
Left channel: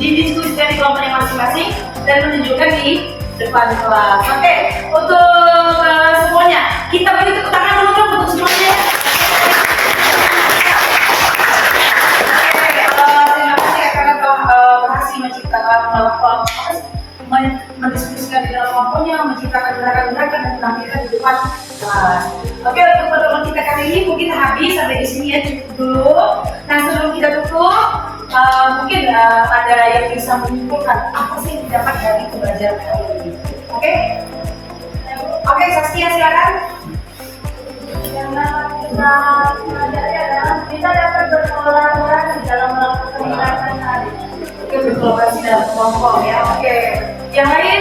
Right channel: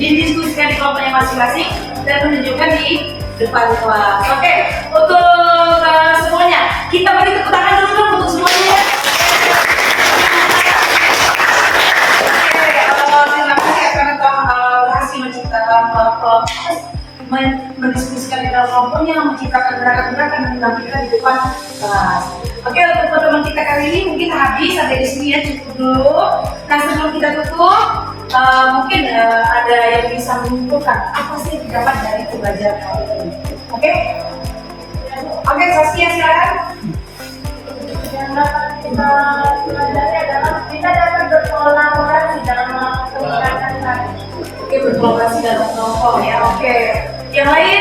didiskusikan di kelompoknya masing-masing dan menunjukkan di depan kelas. Oke, untuk semuanya kita beri tepuk tangan dulu dong untuk semuanya. pembelajaran kita di depan kelas. Oke, untuk pertemuan kita kali ini mungkin habis sampai di sini ya, cukup dulu. Nah, sebelum kita tutup, mungkin ada yang bisa menyimpulkan apa sih yang didapat dari pembelajaran kali ini. Oke? Oke, Saskia silakan. Yang dapat kita pelajari adalah kita dapat berkolaborasi dalam melakukan kegiatan tadi. Oke, berkolaborasi dalam kelompok ya. Oke. Yang lain?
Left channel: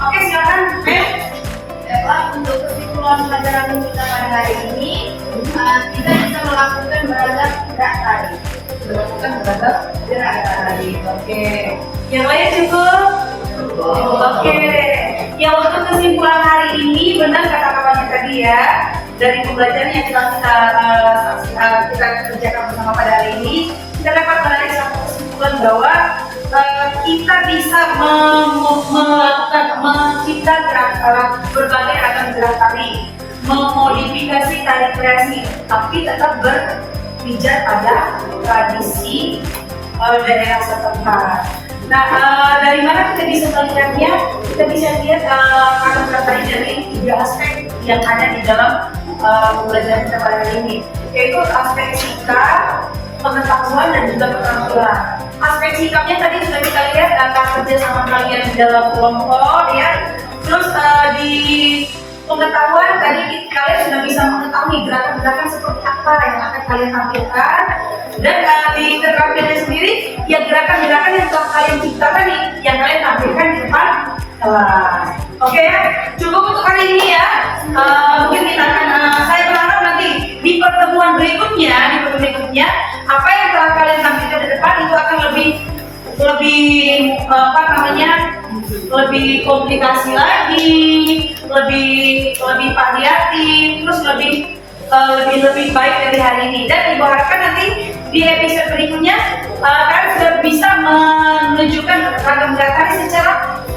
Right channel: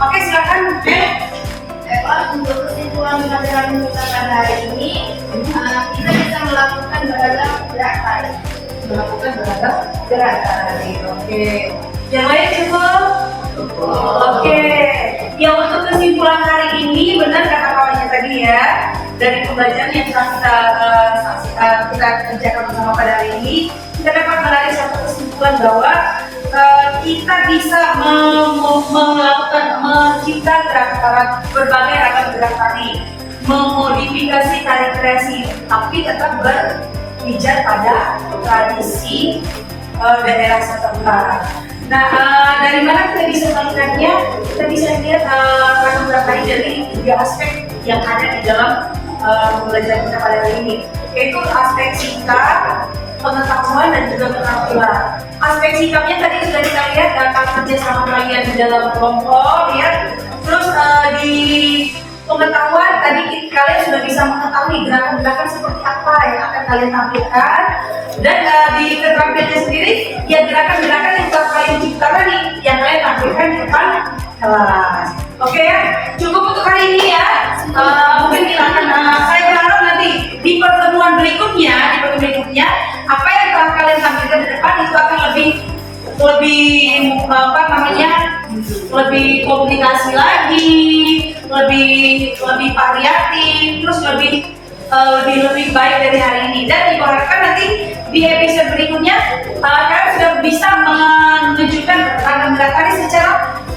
Oke, silakan. Untuk kesimpulan pelajaran kita pada hari ini, kita bisa melakukan beragam gerak tari. Melakukan beragam Gerak tari. Oke. Yang lain juga? Oke. Ya, untuk kesimpulan hari ini benar kata kakaknya tadi ya, dari pembelajaran yang kita kerjakan bersama pada hari ini, kita dapat menarik satu kesimpulan bahwa kita bisa mencipta berbagai ragam gerak tari, memodifikasi tari kreasi, tapi tetap berpijak pada tradisi daerah setempat. Nah, dari mana kita bisa melihatnya? Kita bisa lihat ragam gerak tari dari 3 aspek yang ada di dalam pembelajaran kita pada hari ini, yaitu aspek sikap, pengetahuan, dan juga keterampilan. Aspek sikapnya tadi sudah kita lihat akan kerja sama kalian di dalam kelompok ya. Terus di pengetahuan tadi kalian sudah bisa mengetahui gerakan-gerakan seperti apa yang akan kalian tampilkan. Dan di keterampilannya sendiri ya gerakan-gerakan yang telah kalian ciptakan nih yang kalian tampilkan di depan kelas. Oke ya, cukup untuk hari ini ya. Mungkin kita akan saya berharap nanti di pertemuan berikutnya, apa yang telah kalian tampilkan di depan itu akan lebih apa namanya, lebih komunikasi lagi, lebih variatif, terus lebih baik dari hari ini. Dan diharapkan nanti di episode berikutnya kalian sudah bisa menunjukkan ragam gerak tari secara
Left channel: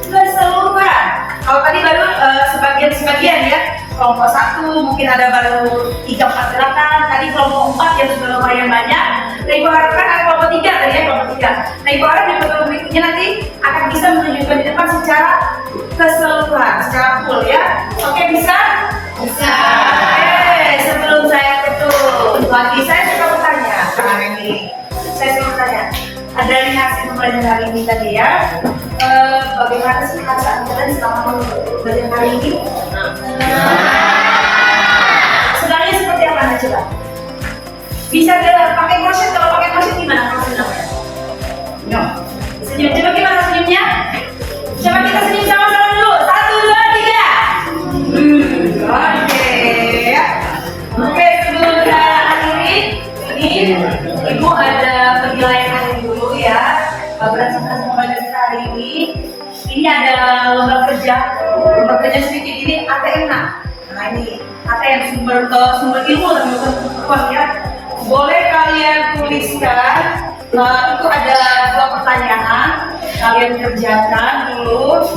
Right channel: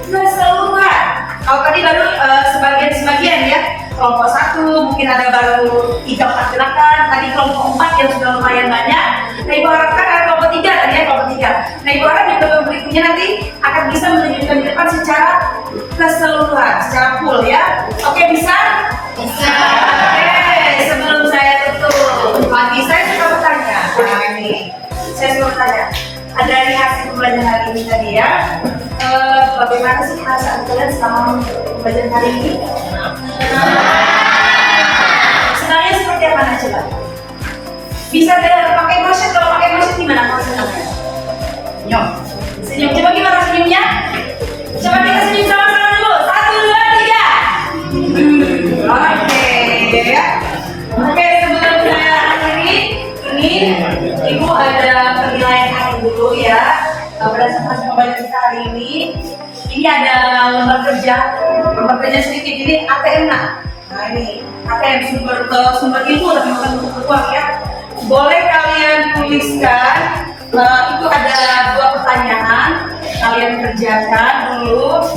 keseluruhan. Kalau tadi baru sebagian ya, kelompok 1 mungkin ada baru 3-4 gerakan, tadi kelompok 4 yang sudah lumayan banyak. Nah, ibu harapkan ada kelompok 3 tadi ya, kelompok 3. Nah, ibu harap di pertemuan berikutnya nanti akan bisa menunjukkan di depan secara keseluruhan, secara full ya. Oke, bisa? Bisa. Oke, sebelum saya tutup lagi, saya suka bertanya. Nah, ini saya suka bertanya. Dari hasil pembelajaran hari ini tadi ya, bagaimana sih perasaan kalian selama pembelajaran hari ini? Senangnya seperti apa nih coba? Bisa pakai motion, kalau pakai motion gimana kalau senangnya? Senyum, coba gimana senyumnya? Coba kita senyum sama-sama dulu. 1, 2, 3. Oke ya. Oke, sebelum saya akhiri ini, ibu ada penilaian akhir dulu ya. Berdasarkan pembelajaran kita hari ini ada lembar kerja sedikit ini ATM. Nah ini ATM sumber ilmu tapi bukan uang ya. Boleh kalian tuliskan, itu ada 2 pertanyaan, kalian kerjakan dulu.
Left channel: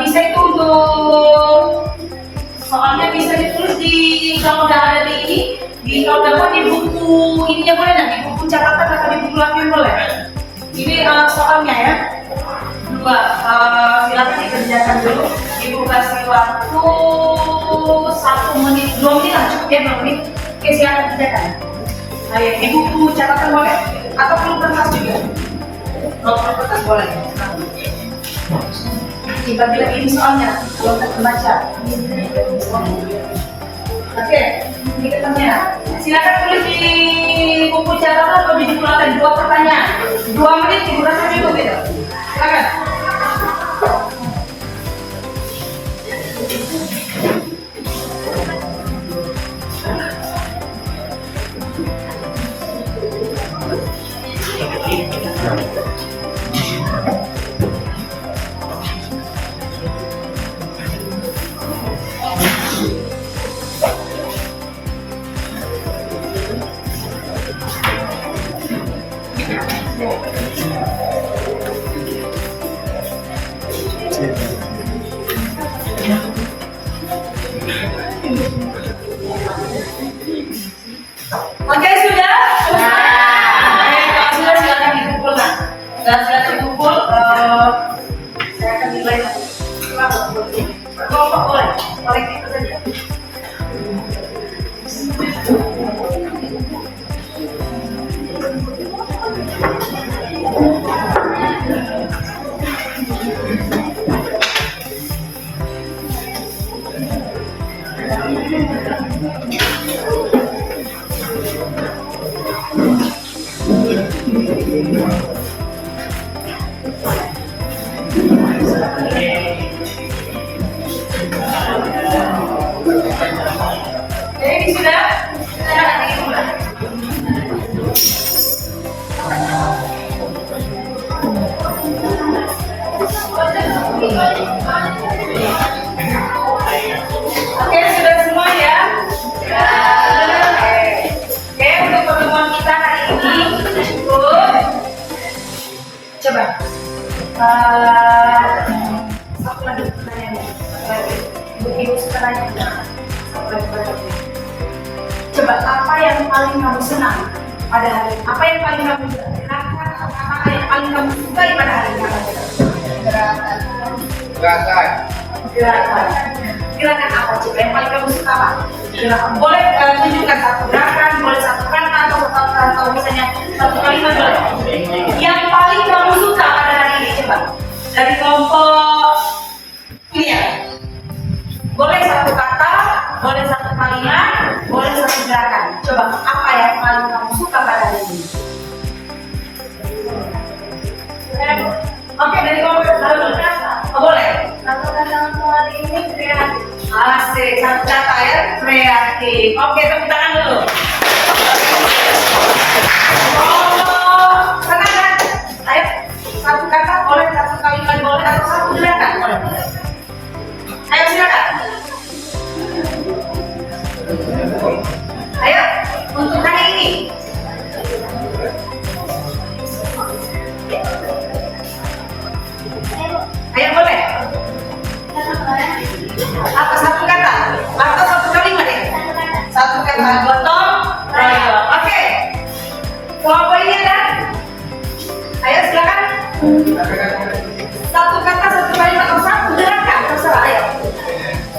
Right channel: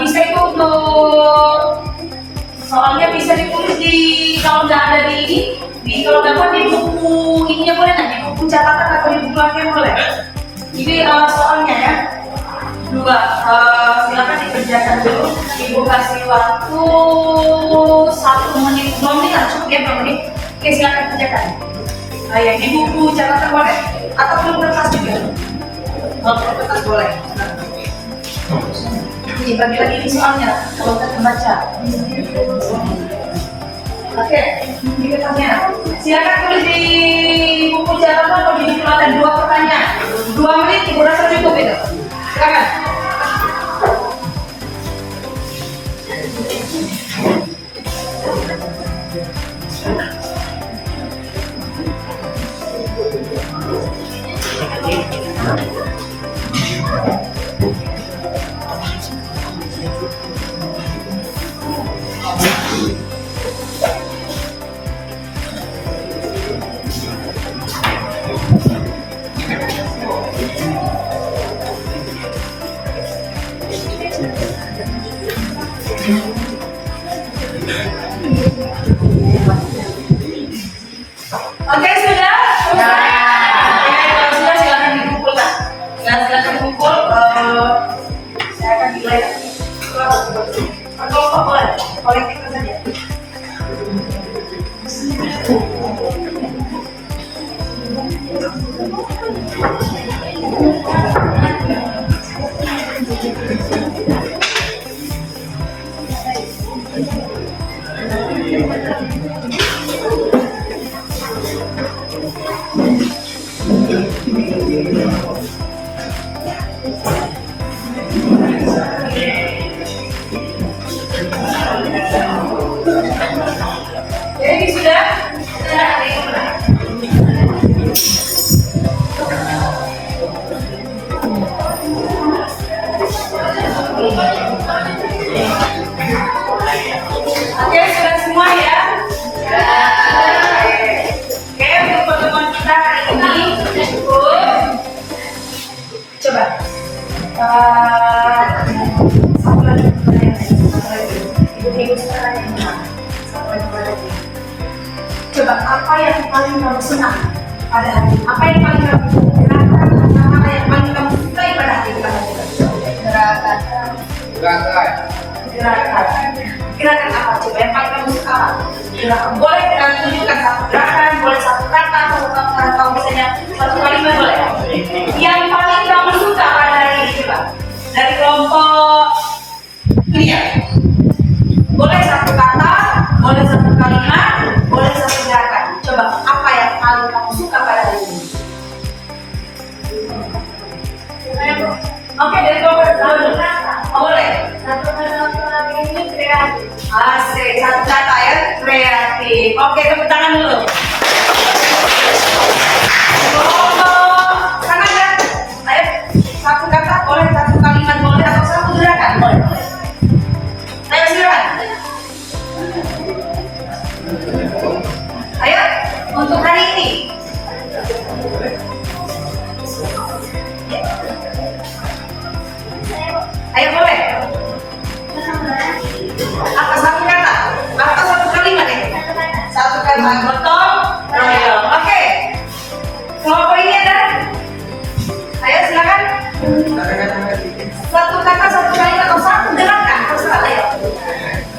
Bisa itu untuk soalnya bisa ditulis di, kalau nggak ada kalau dapat di buku ininya boleh nggak, di buku catatan atau di buku latihan boleh. Ini soalnya ya. 2, silakan dikerjakan dulu. Ibu kasih waktu 1 menit, 2 menit lah cukup ya, 2 menit. Oke, silakan kerjakan. Ya, di buku catatan boleh atau perlu kertas juga. Kalau perlu kertas boleh. Ini bagi lagi ini soalnya kalau kita baca. Oke, ini kertasnya. Silakan tulis di buku catatan atau di buku latihan 2 pertanyaan. 2 menit ibu rasa cukup itu. Silakan. Oke, sudah? Oke, kalau sudah silakan dikumpulkan. Silakan dikumpul. Saya akan nilai. Per kelompok boleh. Jadi sudah? Oke, sudah semua ya? Oke, untuk pertemuan kita hari ini cukup. Coba. Satu lagi pertanyaan. Ibu-ibu sekarang coba, apa yang paling kamu senang pada hari ini? Apa yang paling kamu gerakan? Apa yang paling kamu sukai pada hari ini? Gerakan. Gerakan apa coba yang paling kamu suka apa? Gerakan. Boleh tunjukkan satu gerakan, boleh satu kata atau misalnya satu kalimat boleh. Yang paling kamu suka pada hari ini coba dari kelompok ini ya. Boleh satu kata, boleh satu kalimat, boleh satu gerakan. Coba apa yang paling kamu suka pada hari ini? Oke, dari kelompok boleh. Satu kata hari ini kreatif. Asik, satu kata ya, kreatif. Oke, tepuk tangan dulu. Kelompok sana kan? Ayo, satu kata boleh, satu kalimat boleh, atau satu gerakan boleh. Ayo silakan. Ayo, untuk hari ini. Ayo boleh. Apa satu kata? Atau satu kalimat ya? Satu kata. Gotong royong. Oke. Kelompok ini ada. Ayo silakan. Satu kata, satu kalimat, atau satu gerakan. Terserah. Ayo.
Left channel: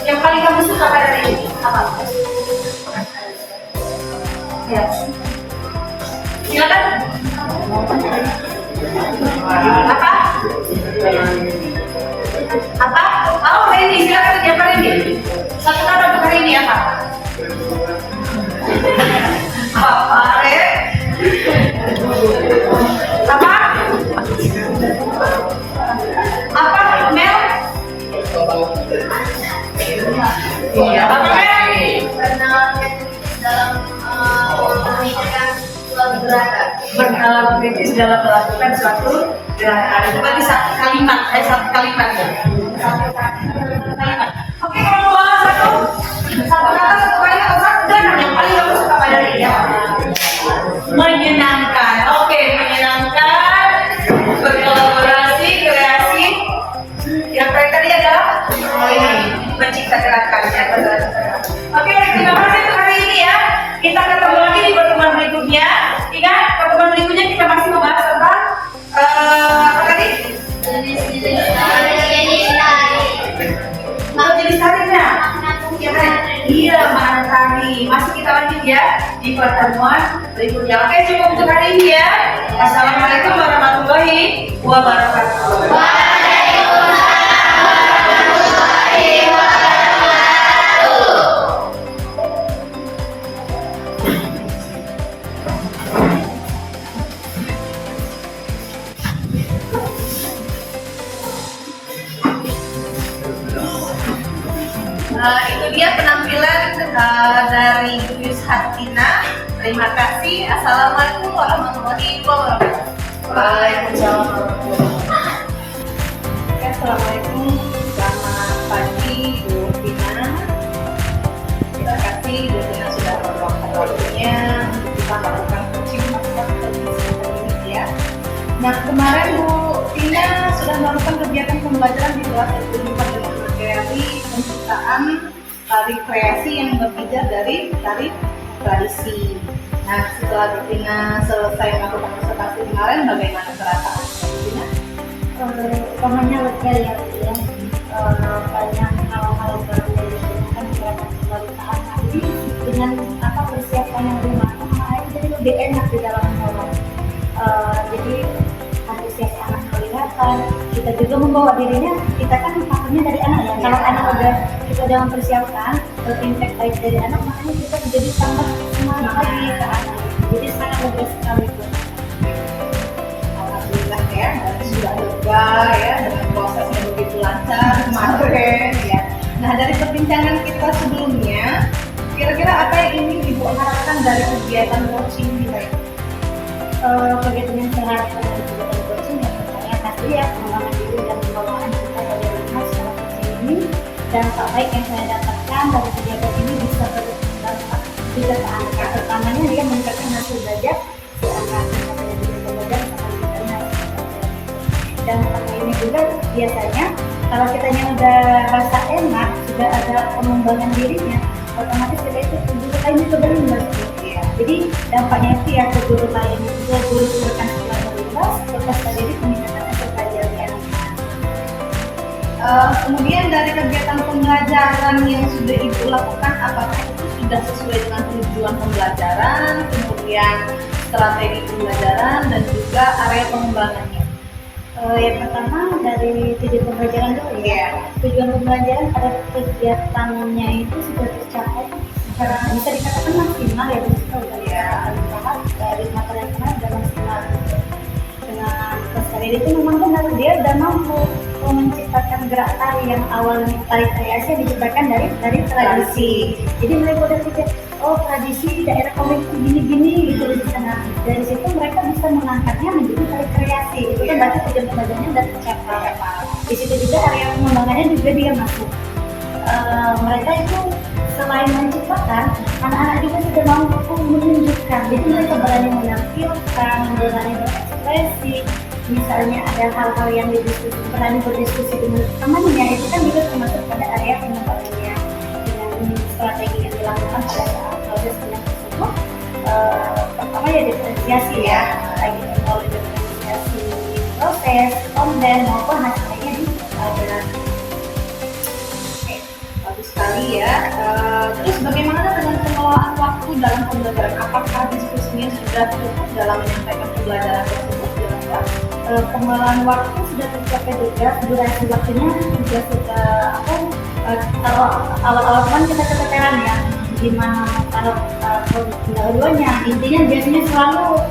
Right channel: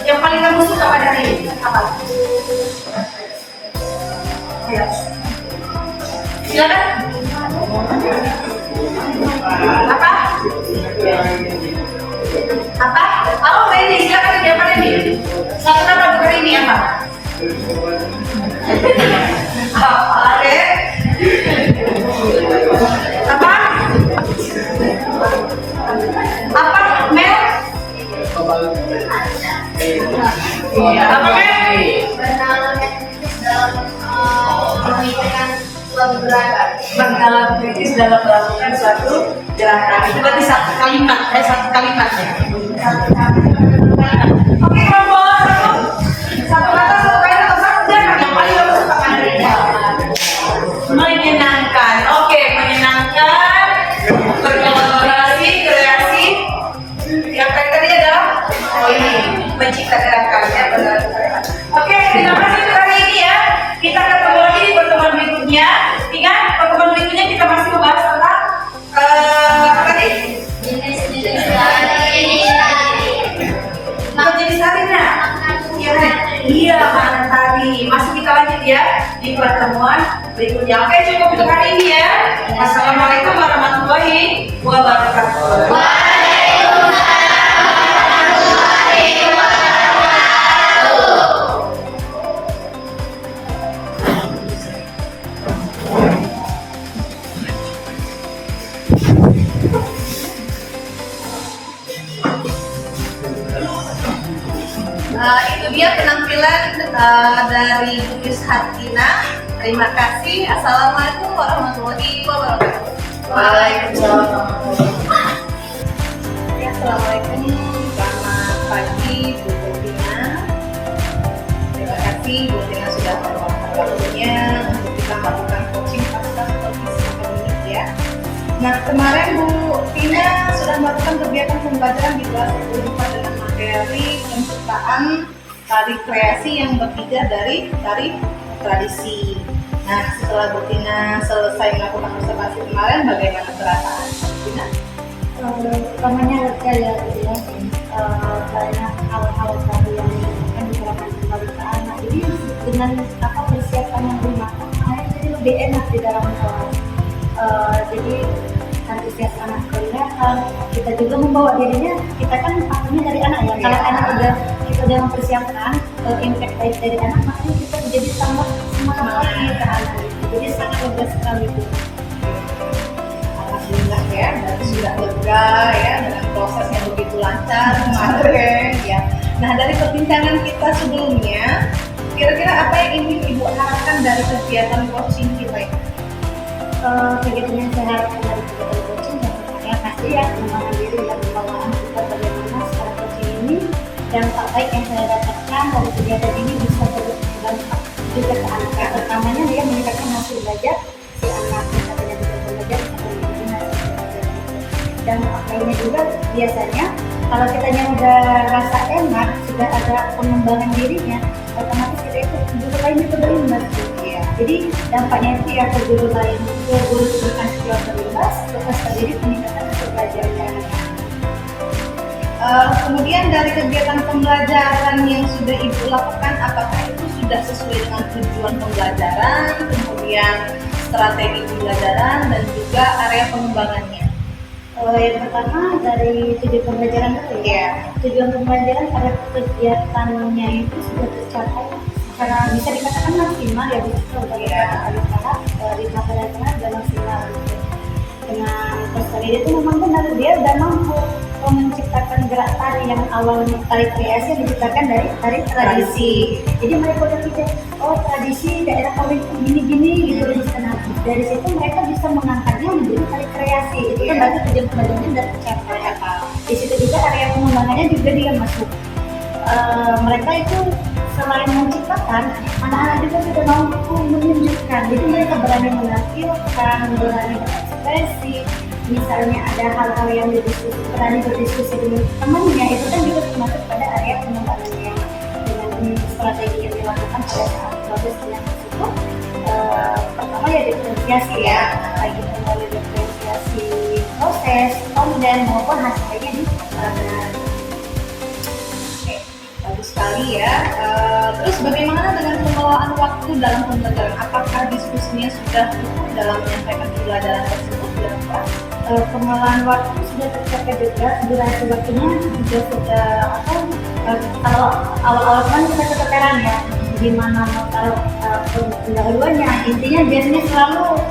Yang paling kamu suka pada hari ini apa? Ayo. Silakan. Apa? Apa? Oh, ini silakan dia Randy. Satu kata untuk hari ini apa? Apa? Apa? Apa? Mel? Iya. Apa Mel? Bernalar kritis dalam melakukan suatu Bernalar kritis dalam melakukan suatu gerakan. gerakan. Itu berarti satu kalimat, satu kalimat ya. Satu kalimat. Oke, kelompok satu. Satu kata, satu kalimat, atau satu gerakan yang paling kamu suka pada hari ini. Menyenangkan. Oke, menyenangkan. Berkolaborasi, kreasi. Yang tadi adalah ini mencipta gerakannya. Oke, terima kasih untuk hari ini ya. Kita akan ketemu lagi di pertemuan berikutnya. Ingat, pertemuan berikutnya kita masih membahas tentang apa tadi? Jenis-jenis tari. Jenis tarinya. Iya, mana tari. Masih kita lanjut ya di pertemuan berikutnya. Oke, cukup untuk hari ini ya. Assalamualaikum warahmatullahi wabarakatuh. Itu dia penampilan dari Bu Yus Hartina. Terima kasih. Assalamualaikum warahmatullahi wabarakatuh. Waalaikumsalam. Ya, assalamualaikum. Selamat pagi Bu Tina. Terima kasih Bu Tina sudah meluangkan waktunya untuk kita melakukan coaching pasca kondisi pandemik ya. Nah, kemarin Bu Tina sudah melakukan kegiatan pembelajaran di kelas 10 dengan materi penciptaan tari kreasi yang berbeda dari tari tradisi. Nah, setelah Bu Tina selesai melakukan observasi kemarin, bagaimana perasaan Bu Tina? Utamanya lega ya, banyak hal-hal baru yang ditemukan diterapkan kembali ke anak. Jadi dengan persiapan yang lebih matang, jadi lebih enak di dalam kelas. Jadi antusias anak kelima kelihatan. Kita juga membawa dirinya, kita kan faktornya dari anak ya. Kalau anak kita udah mempersiapkan impact baik dari anak, makanya kita menjadi tambah semangat lagi ke anak. Jadi sangat lega sekali tuh. Alhamdulillah ya, berarti sudah lega ya dengan prosesnya begitu lancar kemarin ya. Nah, dari perbincangan kita sebelumnya, kira-kira apa yang ingin Ibu harapkan dari kegiatan coaching kita ini? Kegiatan yang saya harapkan dari kegiatan coaching yang pasti ya pengembangan diri dan pembawaan kita bagaimana secara coaching ini, dampak baik yang saya dapatkan dari kegiatan ini bisa berdampak juga ke anak. Pertamanya dia meningkatkan hasil belajar si anak, misalnya di belajar akan meningkatkan hasil belajar. Dan lainnya juga biasanya kalau kitanya udah rasa enak, sudah ada pengembangan dirinya, otomatis kita itu guru lain juga berimbas. Ya. Jadi dampaknya itu ya ke guru lain, ke guru bukan sekolah berimbas, ke peserta diri peningkatan hasil belajarnya. Kemudian dari kegiatan pembelajaran yang sudah Ibu lakukan, apakah itu sudah sesuai dengan tujuan pembelajaran, kemudian strategi pembelajaran, dan juga area pengembangannya? Yang pertama dari tujuan pembelajaran dulu ya. Tujuan pembelajaran pada kegiatannya itu sudah tercapai secara bisa dikatakan maksimal ya, bisa sudah dikatakan tahap dari materi yang sudah maksimal gitu. Dengan peserta didik itu memang benar dia sudah mampu menciptakan gerak tari yang awalnya tari kreasi yang diciptakan dari tradisi. Jadi mereka udah pikir, oh tradisi daerah kami itu gini-gini gitu di sana. Dari situ mereka bisa mengangkatnya menjadi tari kreasi. Itu kan berarti tujuan pembelajarannya sudah tercapai. Di situ juga area pengembangannya juga dia masuk. Mereka itu selain menciptakan, anak-anak juga sudah mampu menunjukkan. Jadi mereka berani menampilkan, berani berekspresi. Misalnya ada hal-hal yang didiskusi, berani berdiskusi dengan temannya, itu kan juga termasuk pada area pengembangannya. Dengan strategi yang dilakukan pada saat proses belajar tersebut, pertama ya diferensiasi ya, lagi melalui diferensiasi proses, konten maupun hasilnya di pelajaran. Oke, bagus sekali ya. Terus bagaimana dengan pengelolaan waktu dalam pembelajaran? Apakah diskusinya sudah cukup dalam menyampaikan pembelajaran tersebut? Pengelolaan waktu sudah tercapai juga, durasi waktunya juga sudah kalau awal-awal kan kita keteteran ya gimana kalau pendahuluannya intinya biasanya selalu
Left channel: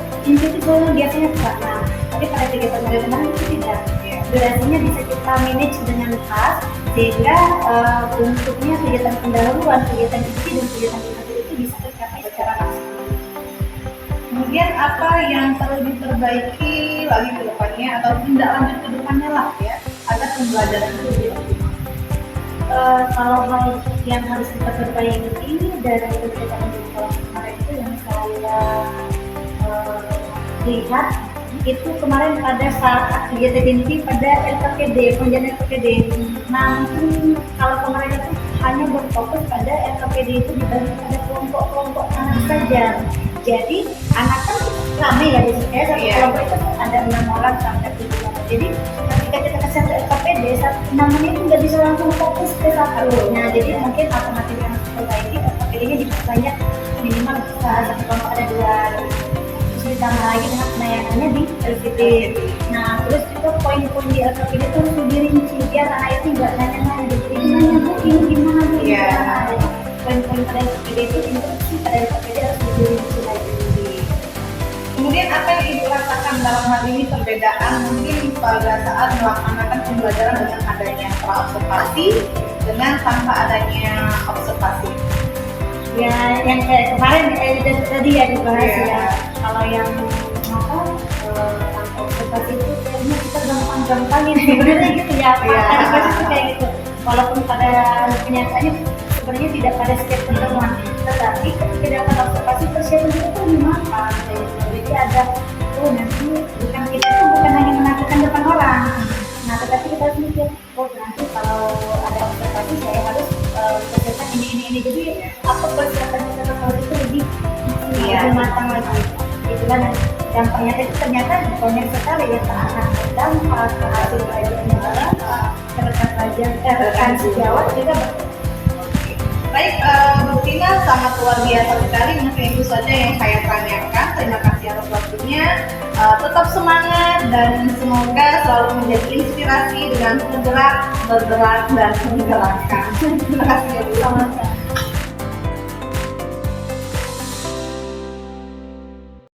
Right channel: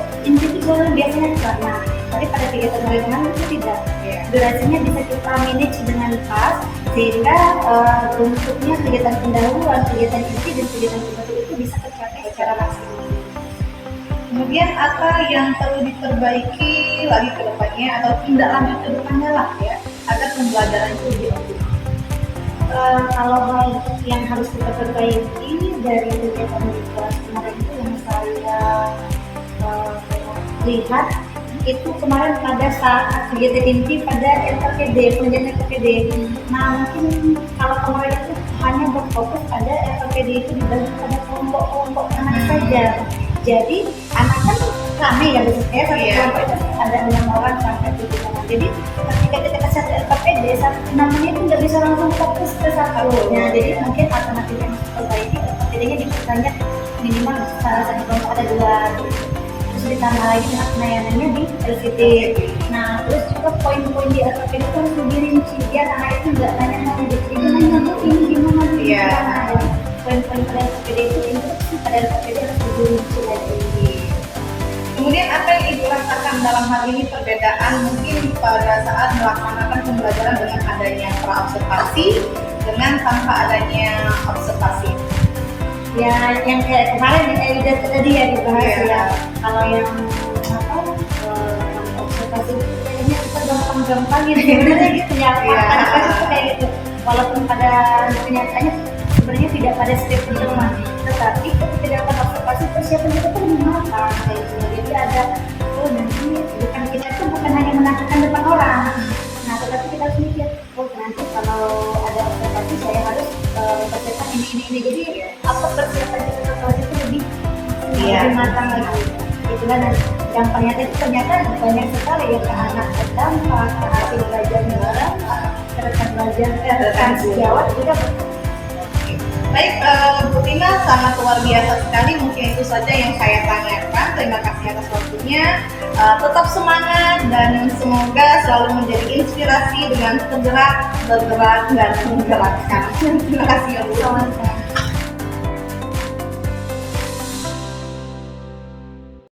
biasanya karena tapi pada kegiatan kemarin itu tidak durasinya bisa kita manage dengan pas sehingga bentuknya kegiatan pendahuluan, kegiatan inti dan kegiatan pendahulu itu bisa tercapai secara maksimal. Kemudian apa yang perlu diperbaiki lagi ke depannya atau tindak lanjut ke depannya lah ya agar pembelajaran itu lebih optimal? Kalau hal yang harus kita perbaiki dari kegiatan di kelas kemarin itu yang saya lihat itu kemarin pada saat kegiatan inti pada LPPD, penjagaan LPPD. Nah mungkin kalau kemarin itu hanya berfokus pada LPPD itu dibagi pada kelompok-kelompok anak saja. Jadi anak kan ramai ya biasanya satu kelompok itu ada 6 orang sampai 7 orang. Jadi ketika kita ke satu LPPD, namanya itu nggak bisa langsung fokus ke satu. Nah jadi mungkin alternatif yang perbaiki LPPD-nya diperbanyak minimal bisa satu kelompok ada 2. Terus ditambah lagi dengan penayangannya di LPD. Nah terus juga poin-poin di LPD itu harus lebih rinci biar anak itu nggak nanya-nanya gitu. Ini nanya bu ini gimana bu ini gimana. Jadi poin-poin pada LPD itu instruksi pada LPD harus lebih rinci lagi. Kemudian apa yang Ibu rasakan dalam hal ini perbedaan mungkin pada saat melaksanakan pembelajaran dengan adanya praobservasi dengan tanpa adanya observasi? Ya yang kayak kemarin tadi ya dibahas ya. Kalau yang tanpa observasi itu kayaknya kita gampang-gampangin sebenarnya gitu ya. Tadi itu kayak gitu. Walaupun pada kenyataannya sebenarnya tidak pada setiap pertemuan, tetapi ketika dapat observasi persiapan kita tuh lebih matang kayak gitu. Jadi ada nanti bukan kita itu bukan hanya menakutkan depan orang. Nah tetapi kita harus mikir nanti kalau ada observasi saya harus mempersiapkan ini. Jadi apa persiapan kita observasi itu lebih matang lagi. Itulah dan dampaknya itu ternyata banyak sekali ya ke anak berdampak, ke hasil belajarnya berdampak, ke rekan belajar, rekan sejawat juga berdampak. Baik, Bu Tina, sangat luar biasa sekali. Mungkin itu saja yang saya tanyakan. Terima kasih atas waktunya. Tetap semangat dan semoga selalu menjadi inspirasi dengan bergerak, dan menggerakkan. Terima kasih ya Bu. Sama-sama.